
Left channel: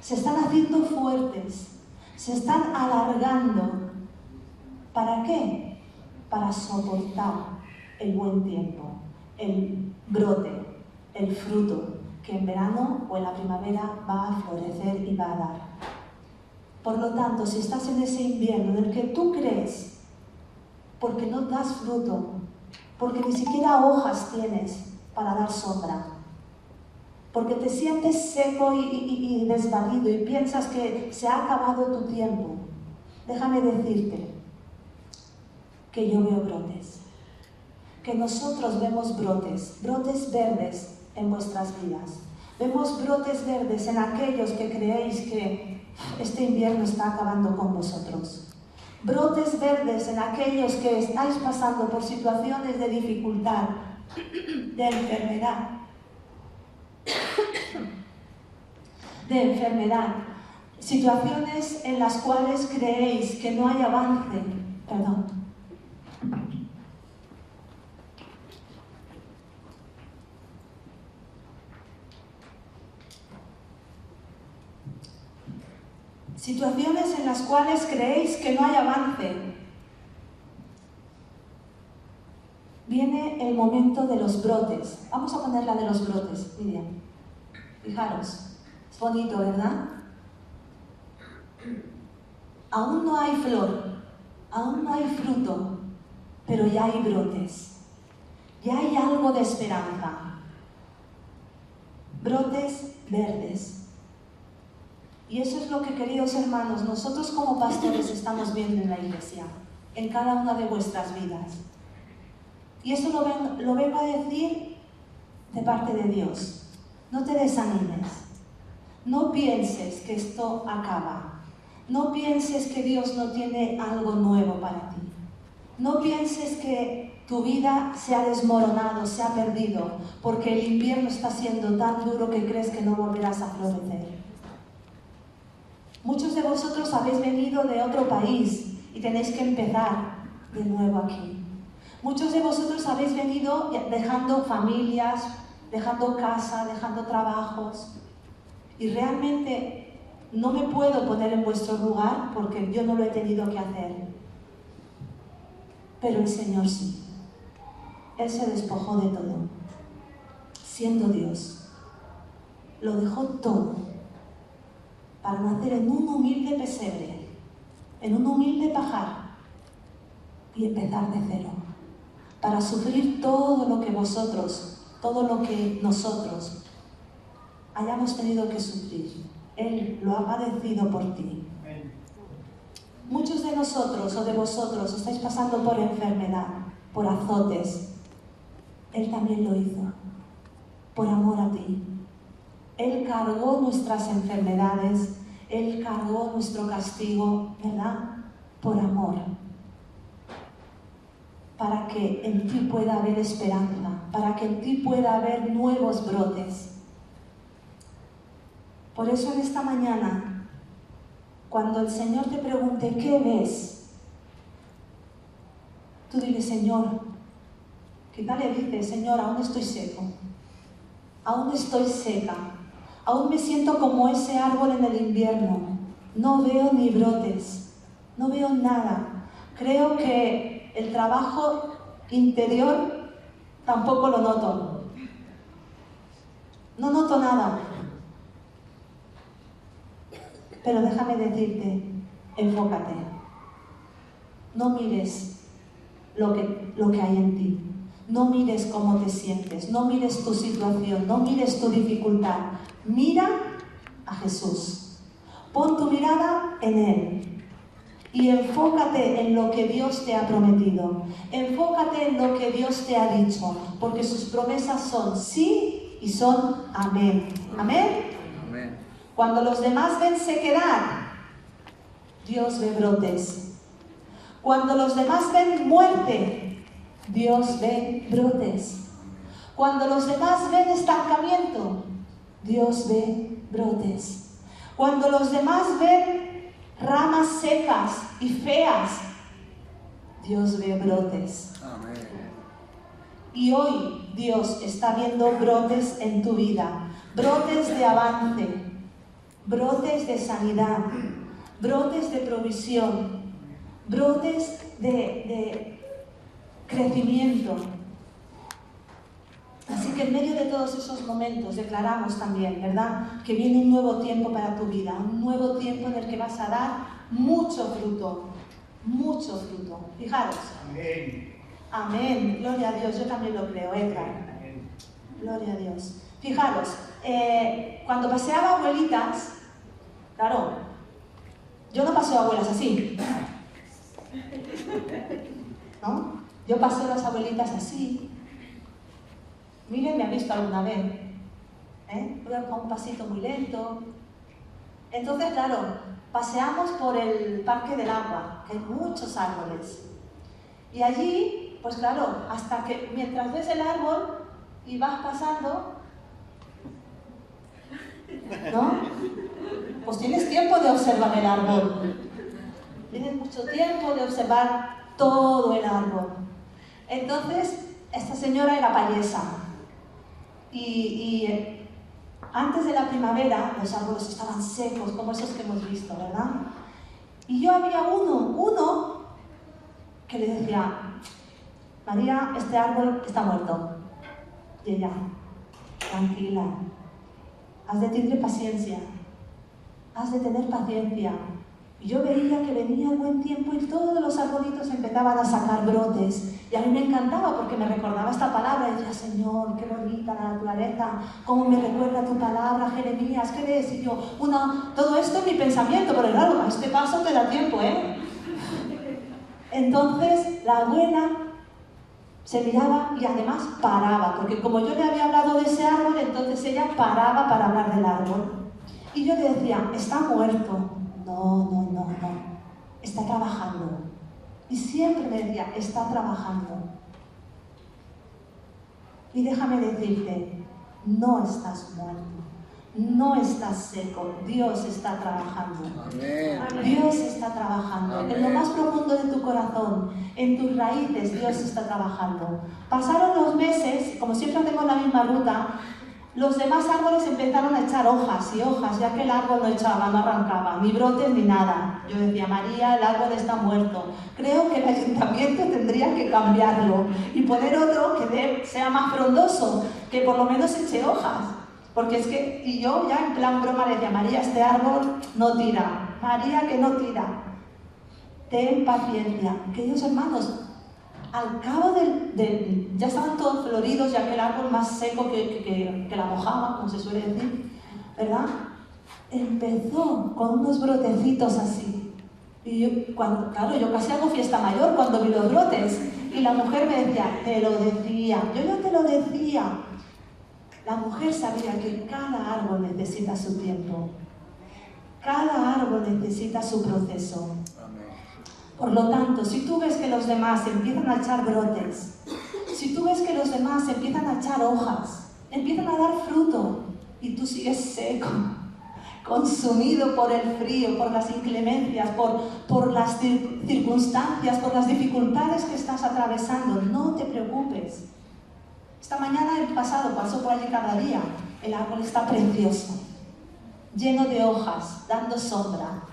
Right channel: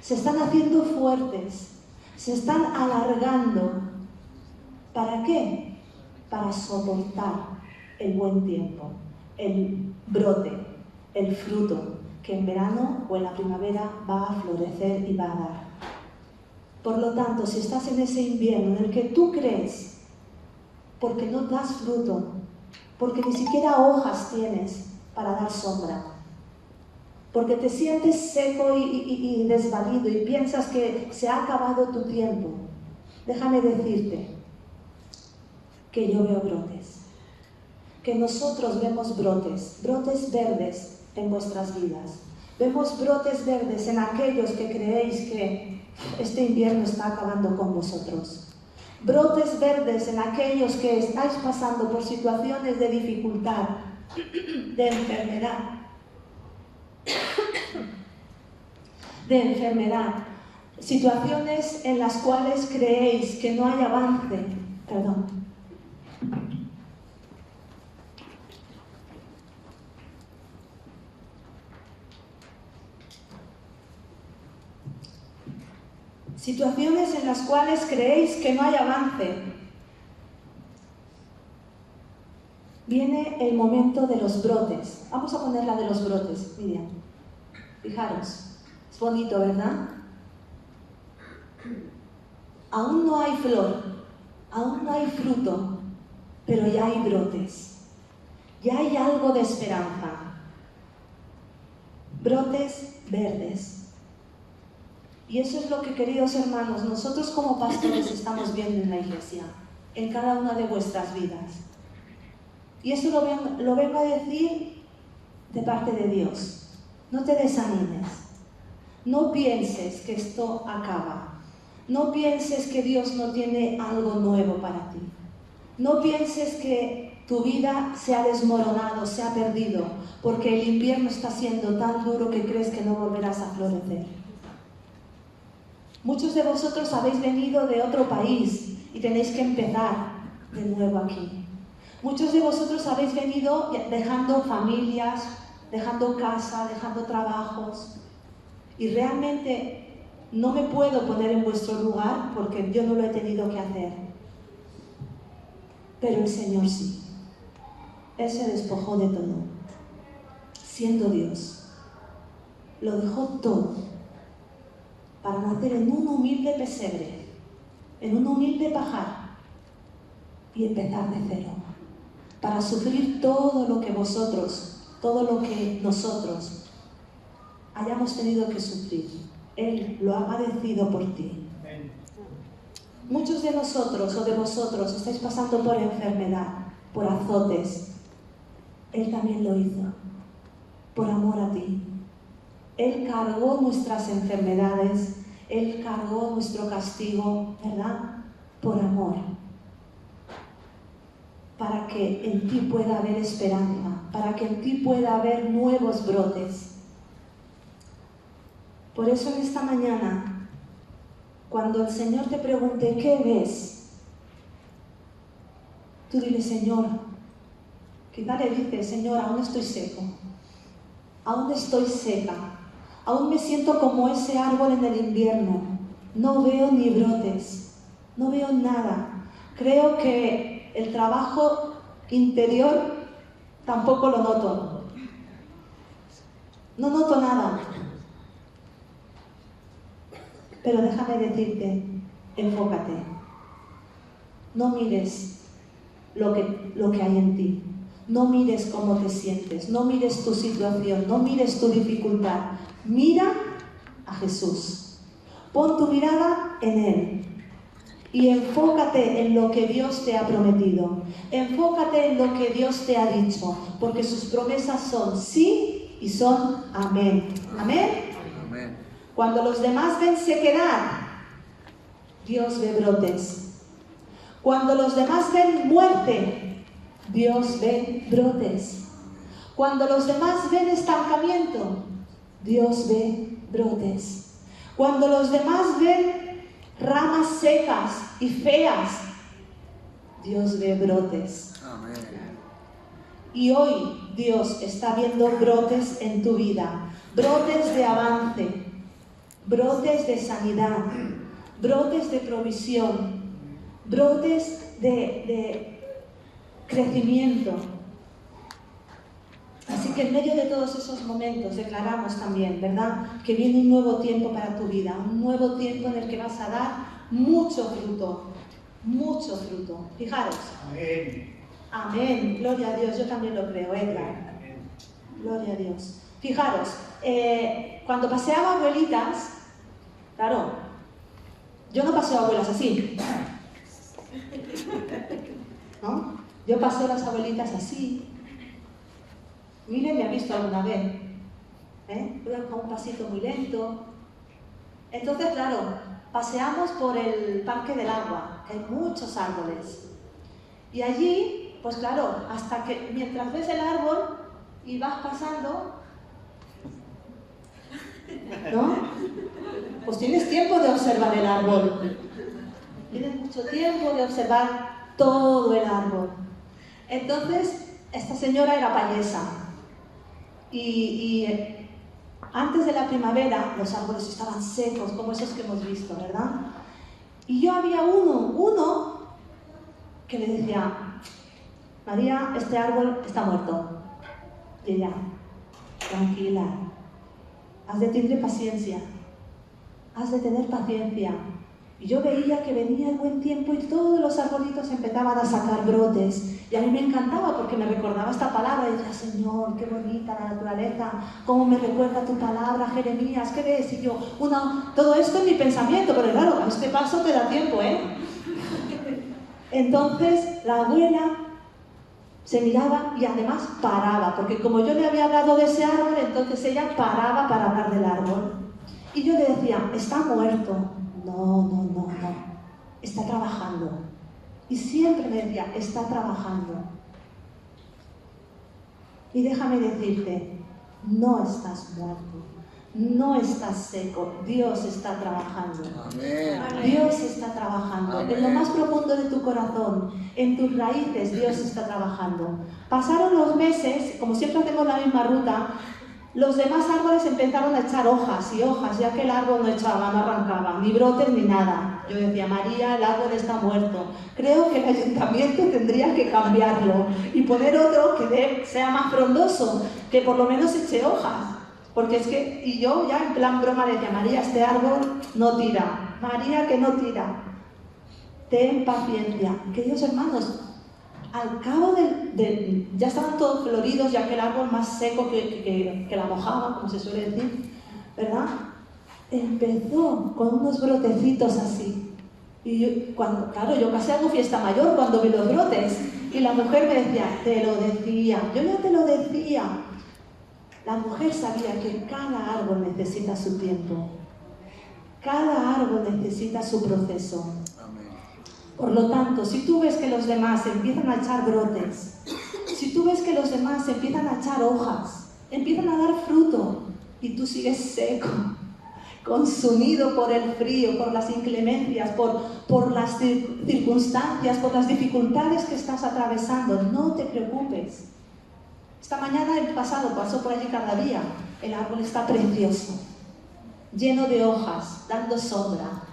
se están haciendo fuertes, se están alargando. ¿Para qué? Para soportar el buen tiempo, el brote, el fruto que en verano o en la primavera va a florecer y va a dar. Por lo tanto, si estás en ese invierno en el que tú crees, porque no das fruto, porque ni siquiera hojas tienes para dar sombra, porque te sientes seco y desvalido y piensas que se ha acabado tu tiempo, déjame decirte que yo veo brotes, que nosotros vemos brotes verdes en vuestras vidas. Vemos brotes verdes en aquellos que creéis que este invierno está acabando con vosotros. Brotes verdes en aquellos que estáis pasando por situaciones de dificultad, de enfermedad, situaciones en las cuales creéis que no hay avance, situaciones en las cuales creéis que no hay avance. Viene el momento de los brotes. Vamos a poner la de los brotes, Miriam. Fijaros, es bonito, ¿verdad? Aún no hay flor, aún no hay fruto, pero ya hay brotes. Ya hay algo de esperanza. Brotes verdes. Y eso es lo que, queridos hermanos, nosotros como pastores estamos viendo en la iglesia, en cada una de vuestras vidas. Y eso lo vengo a decir de parte de Dios. No te desanimes. No pienses que esto acaba. No pienses que Dios no tiene algo nuevo para ti. No pienses que tu vida se ha desmoronado, se ha perdido, porque el invierno está siendo tan duro que crees que no volverás a florecer. Muchos de vosotros habéis venido de otro país y tenéis que empezar de nuevo aquí. Muchos de vosotros habéis venido dejando familias, dejando casa, dejando trabajos. Y realmente no me puedo poner en vuestro lugar porque yo no lo he tenido que hacer. Pero el Señor sí. Él se despojó de todo, siendo Dios. Lo dejó todo para nacer en un humilde pesebre, en un humilde pajar y empezar de cero, para sufrir todo lo que vosotros, todo lo que nosotros hayamos tenido que sufrir. Él lo ha padecido por ti. Muchos de nosotros o de vosotros estáis pasando por enfermedad, por azotes. Él también lo hizo, por amor a ti. Él cargó nuestras enfermedades, Él cargó nuestro castigo, ¿verdad? Por amor. Para que en ti pueda haber esperanza, para que en ti pueda haber nuevos brotes. Por eso en esta mañana, cuando el Señor te pregunte, ¿qué ves? Tú dile, Señor, quizá le dices, Señor, aún estoy seco, aún estoy seca, aún me siento como ese árbol en el invierno, no veo ni brotes, no veo nada. Creo que el trabajo interior tampoco lo noto, no noto nada. Pero déjame decirte, enfócate. No mires lo que hay en ti. No mires cómo te sientes. No mires tu situación. No mires tu dificultad. Mira a Jesús. Pon tu mirada en Él. Y enfócate en lo que Dios te ha prometido. Enfócate en lo que Dios te ha dicho. Porque sus promesas son sí y son amén. Amén. Cuando los demás ven sequedad, Dios ve brotes. Cuando los demás ven muerte, Dios ve brotes. Cuando los demás ven estancamiento, Dios ve brotes. Cuando los demás ven ramas secas y feas, Dios ve brotes. Amén. Y hoy Dios está viendo brotes en tu vida, brotes de avance, brotes de sanidad, brotes de provisión, brotes de crecimiento. Así que en medio de todos esos momentos declaramos también, ¿verdad?, que viene un nuevo tiempo para tu vida, un nuevo tiempo en el que vas a dar mucho fruto, mucho fruto. Fijaros. Amén. Amén. Gloria a Dios. Yo también lo creo, Edgar. Amén. Gloria a Dios. Fijaros, cuando paseaba abuelitas, claro, yo no paseo abuelas así, ¿no? Yo paseo a las abuelitas así. Mire, me ha visto alguna vez, Luego con un pasito muy lento. Entonces, claro, paseamos por el Parque del Agua, que hay muchos árboles. Y allí, pues claro, hasta que mientras ves el árbol y vas pasando, ¿no? Pues tienes tiempo de observar el árbol. Tienes mucho tiempo de observar todo el árbol. Entonces, esta señora era payesa. Y antes de la primavera, los árboles estaban secos, como esos que hemos visto, ¿verdad? Y yo había uno que le decía, María, este árbol está muerto. Y ella, tranquila, has de tener paciencia, has de tener paciencia. Y yo veía que venía el buen tiempo y todos los arbolitos empezaban a sacar brotes. Y a mí me encantaba porque me recordaba esta palabra. Y decía, Señor, qué bonita la naturaleza, cómo me recuerda tu palabra, Jeremías, ¿qué ves? Y yo, todo esto en mi pensamiento, pero claro, a este paso te da tiempo, Entonces la abuela se miraba y además paraba, porque como yo le había hablado de ese árbol, entonces ella paraba para hablar del árbol. Y yo le decía, está muerto. No, está trabajando. Y siempre me decía, está trabajando. Y déjame decirte, no estás muerto, no estás seco, Dios está trabajando. Amén. Dios está trabajando. Amén. En lo más profundo de tu corazón, en tus raíces, Dios está trabajando. Pasaron los meses, como siempre hacemos la misma ruta, los demás árboles empezaron a echar hojas y hojas, ya que el árbol no echaba, no arrancaba, ni brotes ni nada. Yo decía, María, el árbol está muerto. Creo que el ayuntamiento tendría que cambiarlo y poner otro que sea más frondoso, que por lo menos eche hojas. Porque es que, y yo ya en plan broma le decía, María, este árbol no tira, María, que no tira. Ten paciencia. Queridos hermanos, al cabo ya estaban todos floridos, ya que el árbol más seco que la mojama, como se suele decir, ¿verdad? Empezó con unos brotecitos así. Y yo casi hago fiesta mayor cuando vi los brotes. Y la mujer me decía, te lo decía, yo ya te lo decía. La mujer sabía que cada árbol necesita su tiempo. Cada árbol necesita su proceso. Por lo tanto, si tú ves que los demás empiezan a echar brotes, si tú ves que los demás empiezan a echar hojas, empiezan a dar fruto, y tú sigues seco, consumido por el frío, por las inclemencias, por las circunstancias, por las dificultades que estás atravesando, no te preocupes. Esta mañana el pasado pasó por allí cada día. El árbol está precioso, lleno de hojas, dando sombra.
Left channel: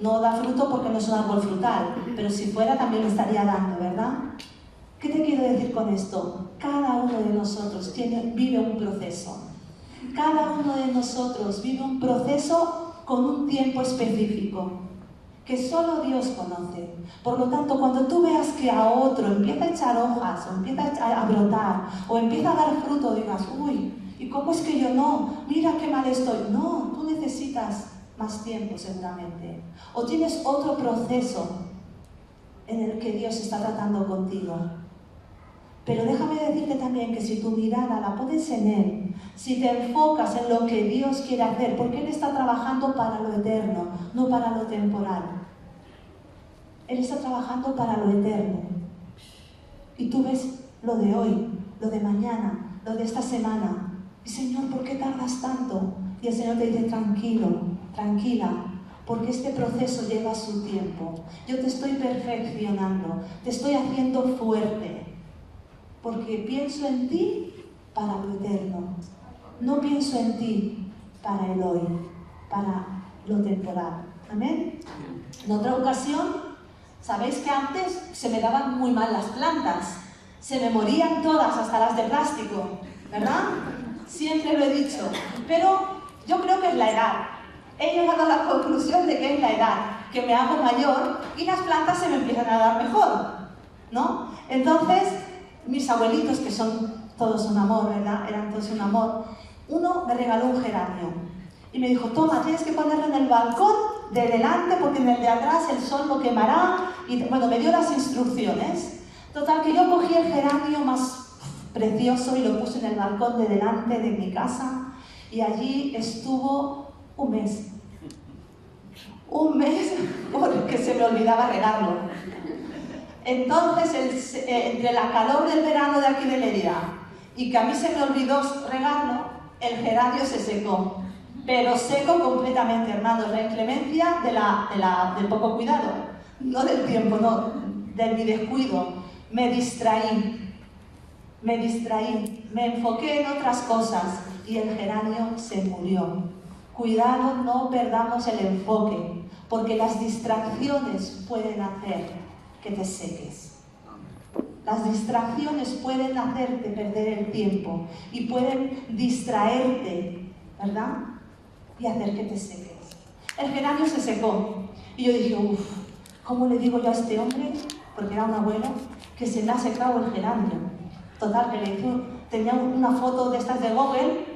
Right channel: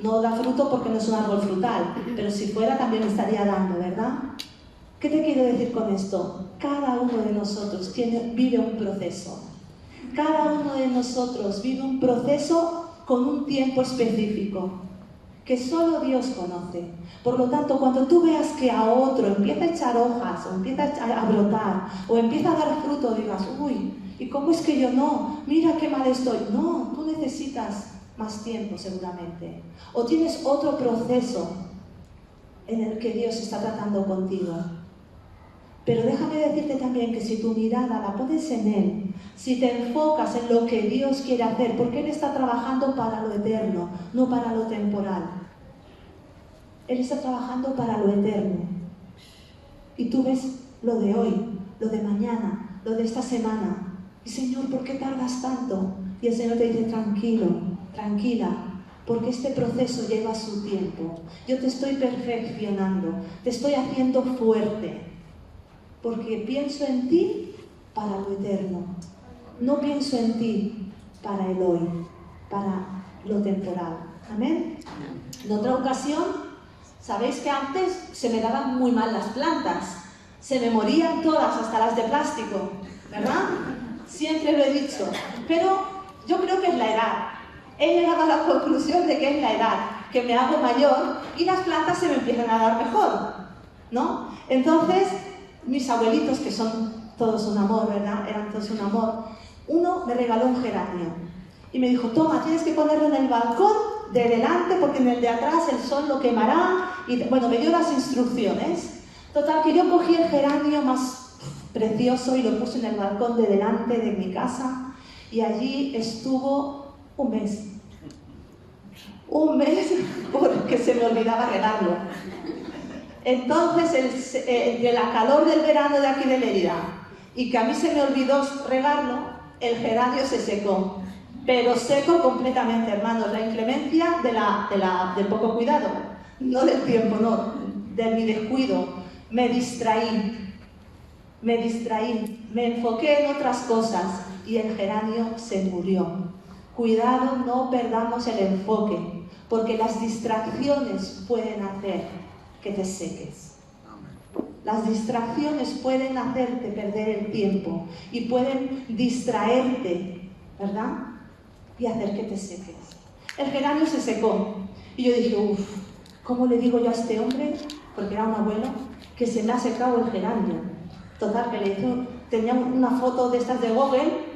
No da fruto porque no es un árbol frutal, pero si fuera también lo estaría dando, ¿verdad? ¿Qué te quiero decir con esto? Cada uno de nosotros vive un proceso. Cada uno de nosotros vive un proceso con un tiempo específico que solo Dios conoce. Por lo tanto, cuando tú veas que a otro empieza a echar hojas, o empieza a brotar, o empieza a dar fruto, digas, uy, ¿y cómo es que yo no? Mira qué mal estoy. No, tú necesitas más tiempo seguramente. O tienes otro proceso en el que Dios está tratando contigo. Pero déjame decirte también que si tu mirada la pones en Él, si te enfocas en lo que Dios quiere hacer, porque Él está trabajando para lo eterno, no para lo temporal. Él está trabajando para lo eterno. Y tú ves lo de hoy, lo de mañana, lo de esta semana. Y Señor, ¿por qué tardas tanto? Y el Señor te dice, tranquilo, tranquila, porque este proceso lleva su tiempo. Yo te estoy perfeccionando, te estoy haciendo fuerte, porque pienso en ti para lo eterno. No pienso en ti para el hoy, para lo temporal. ¿Amén? En otra ocasión, sabéis que antes se me daban muy mal las plantas. Se me morían todas, hasta las de plástico, ¿verdad? Siempre lo he dicho. Pero yo creo que es la edad. He llegado a la conclusión de que es la edad, que me hago mayor y las plantas se me empiezan a dar mejor, ¿no? Entonces, mis abuelitos, que son todos un amor, ¿verdad? Eran todos un amor. Uno me regaló un geranio y me dijo, toma, tienes que ponerlo en el balcón de delante porque en el de atrás el sol lo quemará. Y bueno, me dio las instrucciones. Total, que yo cogí el geranio más precioso y lo puse en el balcón de delante de mi casa y allí estuvo un mes. Un mes porque se me olvidaba regarlo. Entonces, entre la calor del verano de aquí de Mérida y que a mí se me olvidó regarlo, el geranio se secó. Pero seco completamente, hermanos. La inclemencia del poco cuidado. No del tiempo, no, de mi descuido. Me distraí, me enfoqué en otras cosas y el geranio se murió. Cuidado, no perdamos el enfoque, porque las distracciones pueden hacer que te seques. Las distracciones pueden hacerte perder el tiempo y pueden distraerte, ¿verdad? Y hacer que te seques. El geranio se secó y yo dije, uff, ¿cómo le digo yo a este hombre? Porque era un abuelo, que se me ha secado el geranio. Total, que tenía una foto de estas de Google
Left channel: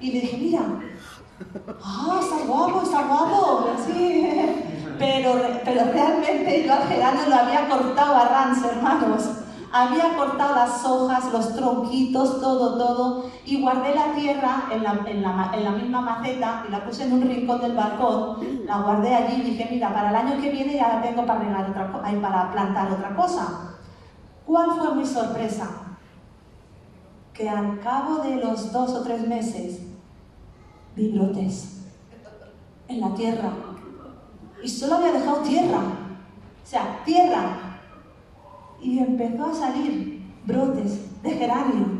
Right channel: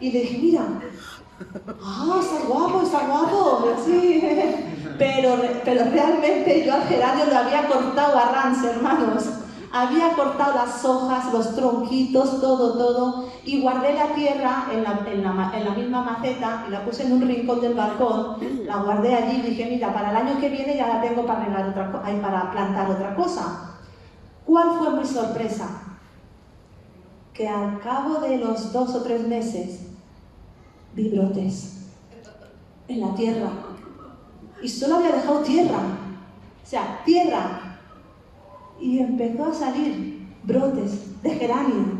y le dije, mira, está guapo, sí. Pero realmente yo al geranio lo había cortado a ras, hermanos. Había cortado las hojas, los tronquitos, todo, y guardé la tierra en la misma maceta y la puse en un rincón del balcón, la guardé allí y dije, mira, para el año que viene ya la tengo para para plantar otra cosa. ¿Cuál fue mi sorpresa? Que al cabo de los 2 o 3 meses vi brotes en la tierra y solo había dejado tierra, o sea, tierra. Y empezó a salir brotes de geranio.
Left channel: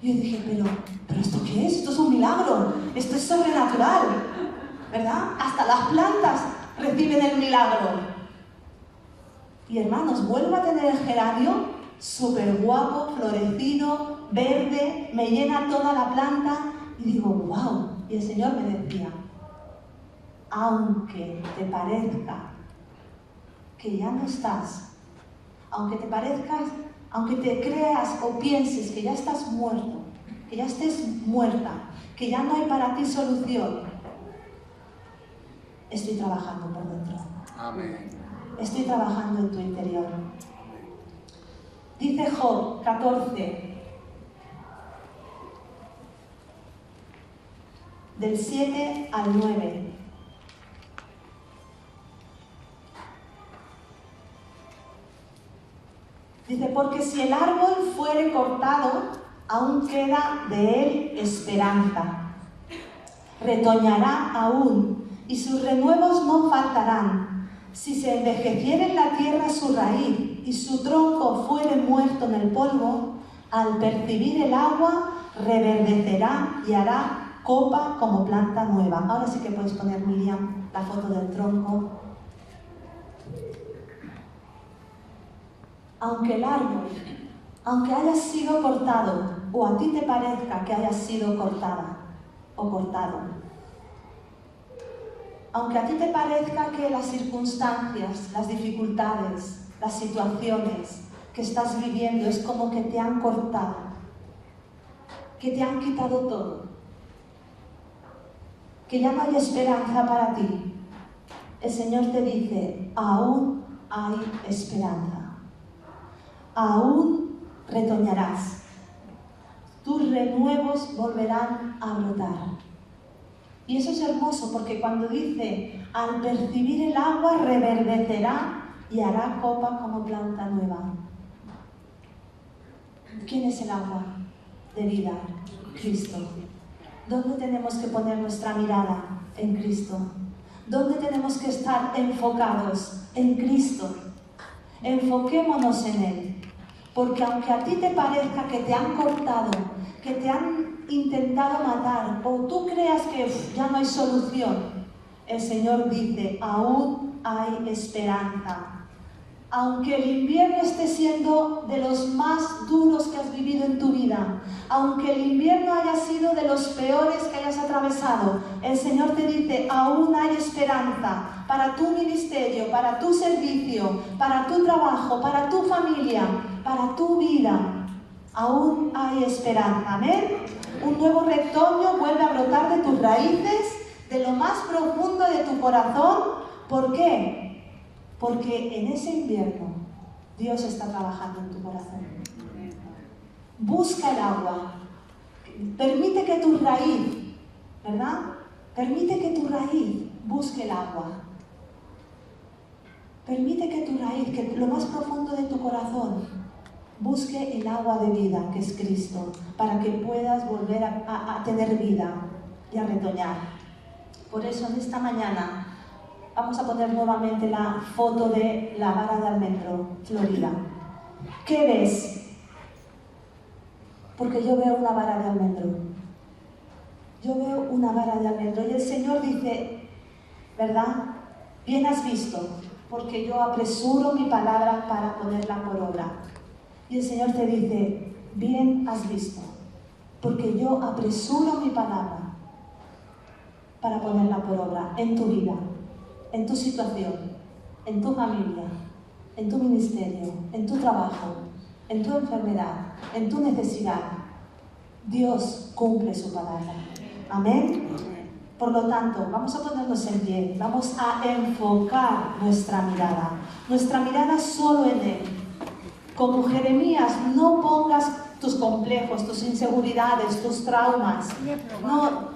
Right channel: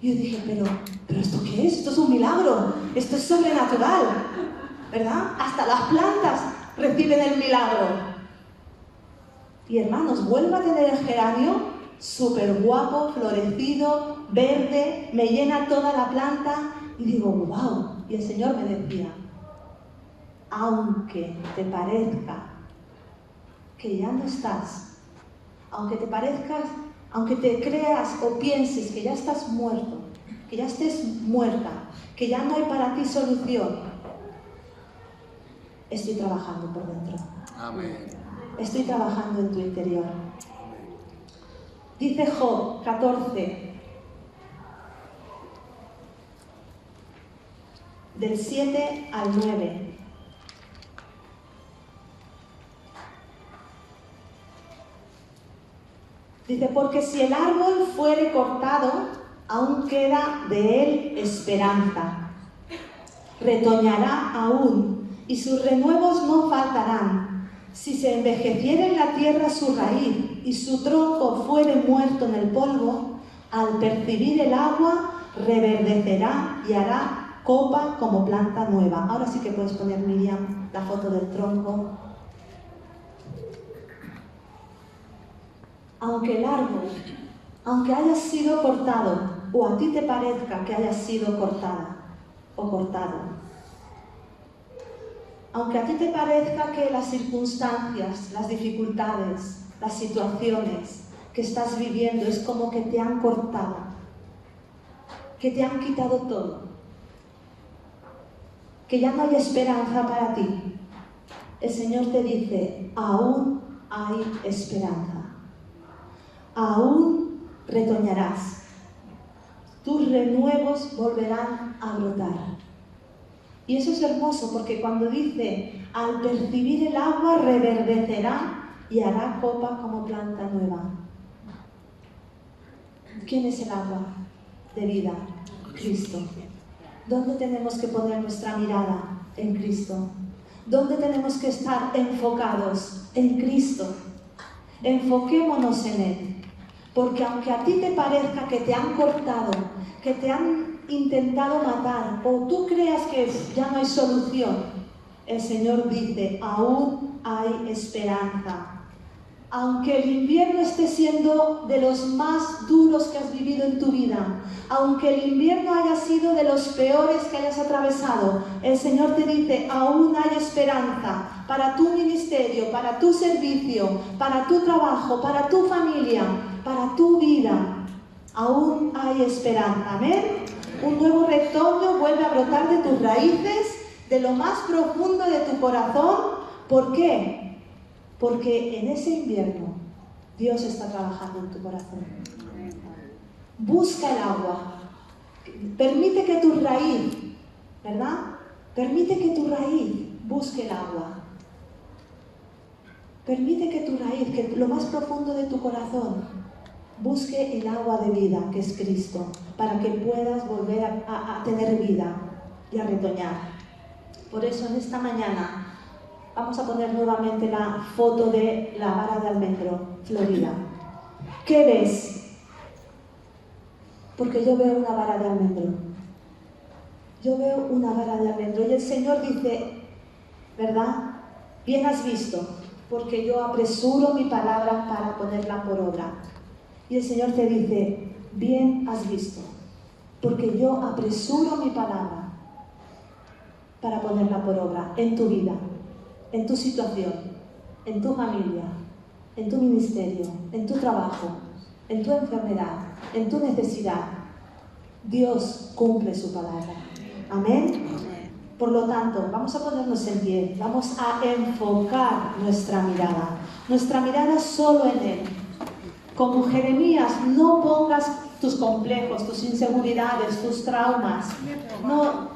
Y yo dije, pero ¿esto qué es? Esto es un milagro, esto es sobrenatural, ¿verdad? Hasta las plantas reciben el milagro. Y hermanos, vuelvo a tener el geranio súper guapo, florecido, verde, me llena toda la planta y digo, wow. Y el Señor me decía, aunque te parezca que ya no estás, aunque te parezcas, aunque te creas o pienses que ya estás muerto, que ya estés muerta, que ya no hay para ti solución, estoy trabajando por dentro. Amén. Estoy trabajando en tu interior. Dice Job 14, del 7 al 9. Dice, porque si el árbol fuere cortado, aún queda de él esperanza. Retoñará aún, y sus renuevos no faltarán. Si se envejeciere en la tierra su raíz, y su tronco fuere muerto en el polvo, al percibir el agua, reverdecerá y hará copa como planta nueva. Ahora sí que puedes poner, Miriam, la foto del tronco. Aunque el árbol, aunque haya sido cortado, o a ti te parezca que haya sido cortada o cortado, aunque a ti te parezca que las circunstancias, las dificultades, las situaciones que estás viviendo es como que te han cortado, que te han quitado todo, que ya no hay esperanza para ti, el Señor te dice, aún hay esperanza. Aún retoñarás, tus renuevos volverán a brotar. Y eso es hermoso porque cuando dice, al percibir el agua reverdecerá y hará copa como planta nueva. ¿Quién es el agua de vida? Cristo. ¿Dónde tenemos que poner nuestra mirada? En Cristo. ¿Dónde tenemos que estar enfocados? En Cristo. Enfoquémonos en Él. Porque aunque a ti te parezca que te han cortado, que te han intentado matar, o tú creas que ya no hay solución, el Señor dice, aún hay esperanza. Aunque el invierno esté siendo de los más duros que has vivido en tu vida, aunque el invierno haya sido de los peores que hayas atravesado, el Señor te dice, aún hay esperanza para tu ministerio, para tu servicio, para tu trabajo, para tu familia, para tu vida. Aún hay esperanza. Amén. Un nuevo retoño vuelve a brotar de tus raíces, de lo más profundo de tu corazón. ¿Por qué? Porque en ese invierno Dios está trabajando en tu corazón. Busca el agua. Permite que tu raíz, ¿verdad? Permite que tu raíz busque el agua. Permite que tu raíz, que lo más profundo de tu corazón, busque el agua de vida, que es Cristo, para que puedas volver a tener vida y a retoñar. Por eso en esta mañana vamos a poner nuevamente la foto de la vara de almendro florida. ¿Qué ves? Porque yo veo una vara de almendro. Yo veo una vara de almendro. Y el Señor dice, ¿verdad? Bien has visto, porque yo apresuro mi palabra para ponerla por obra. Y el Señor te dice, bien has visto, porque yo apresuro mi palabra para ponerla por obra en tu vida, en tu situación, en tu familia, en tu ministerio, en tu trabajo, en tu enfermedad, en tu necesidad. Dios cumple su palabra. Amén. Por lo tanto, vamos a ponernos en pie, vamos a enfocar nuestra mirada solo en Él. Como Jeremías, no pongas tus complejos, tus inseguridades, tus traumas. No,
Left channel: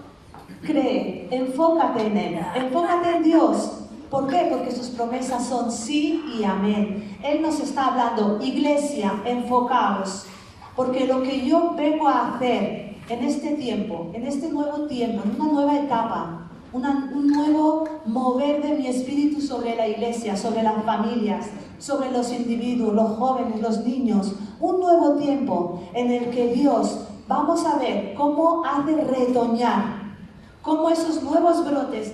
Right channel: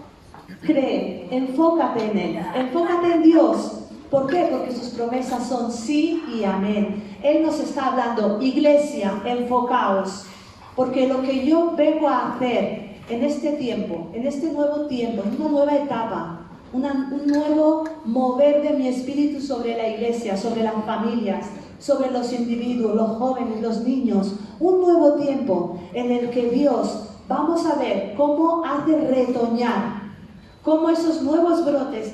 cree, enfócate en Él, enfócate en Dios. ¿Por qué? Porque sus promesas son sí y amén. Él nos está hablando, iglesia, enfocaos. Porque lo que yo vengo a hacer en este tiempo, en este nuevo tiempo, en una nueva etapa, un nuevo mover de mi espíritu sobre la iglesia, sobre las familias, sobre los individuos, los jóvenes, los niños, un nuevo tiempo en el que Dios, vamos a ver cómo hace retoñar, cómo esos nuevos brotes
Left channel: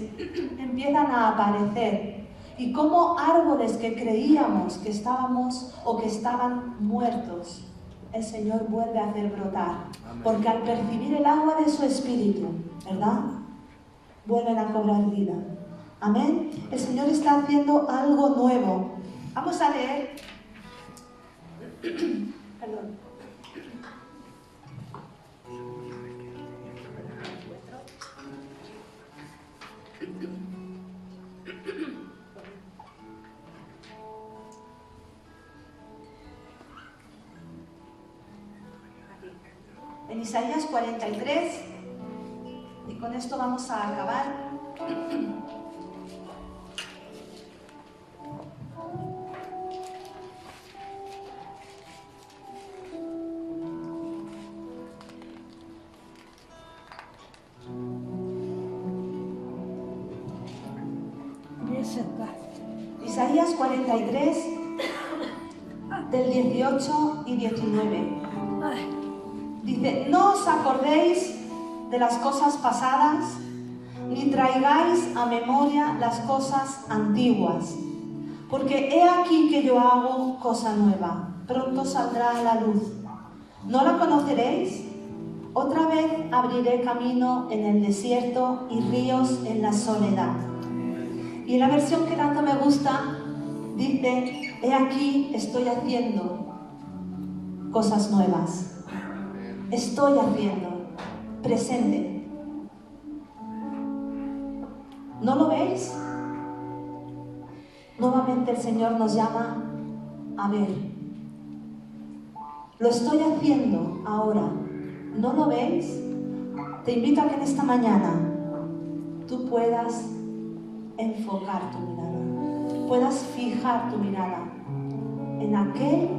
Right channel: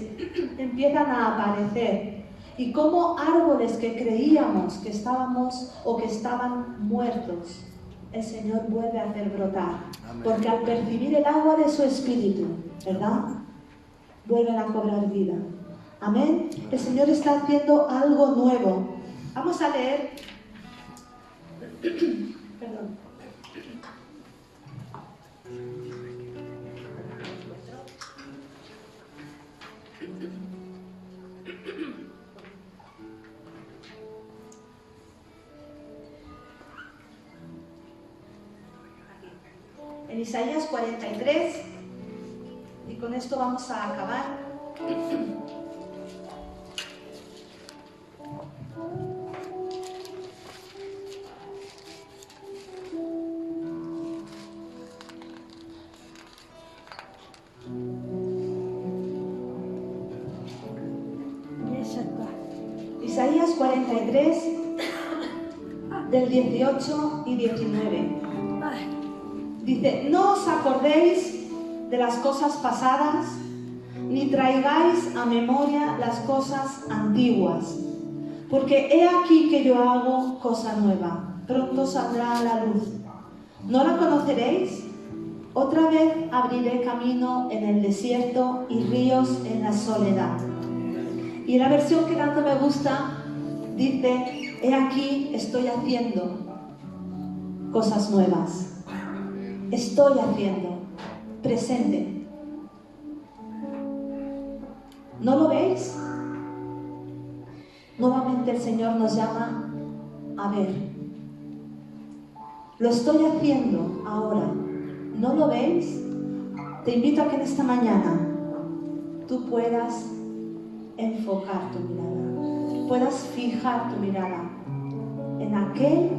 empiezan a aparecer Y como árboles que creíamos que estábamos o que estaban muertos, el Señor vuelve a hacer brotar. Porque al percibir el agua de su Espíritu, ¿verdad?, vuelven a cobrar vida. Amén. El Señor está haciendo algo nuevo. Vamos a leer. Perdón. En Isaías 43, y con esto vamos a acabar. Isaías 43, del 18 y 19. Dice: no os acordéis de las cosas pasadas, ni traigáis a memoria las cosas antiguas, porque he aquí que yo hago cosa nueva, pronto saldrá a la luz. ¿No la conoceréis? Otra vez abriré camino en el desierto y ríos en la soledad. Y en la versión que tanto me gusta, dice: he aquí estoy haciendo cosas nuevas. Estoy haciendo, presente. ¿No lo veis? Nuevamente el Señor nos llama a ver. Lo estoy haciendo ahora. ¿No lo veis? Te invito a que en esta mañana tú puedas enfocar tu mirada, puedas fijar tu mirada en aquel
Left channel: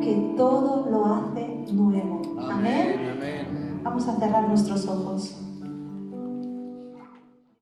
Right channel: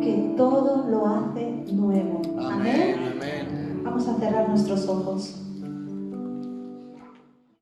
que todo lo hace nuevo. Amén. Amén. Vamos a cerrar nuestros ojos.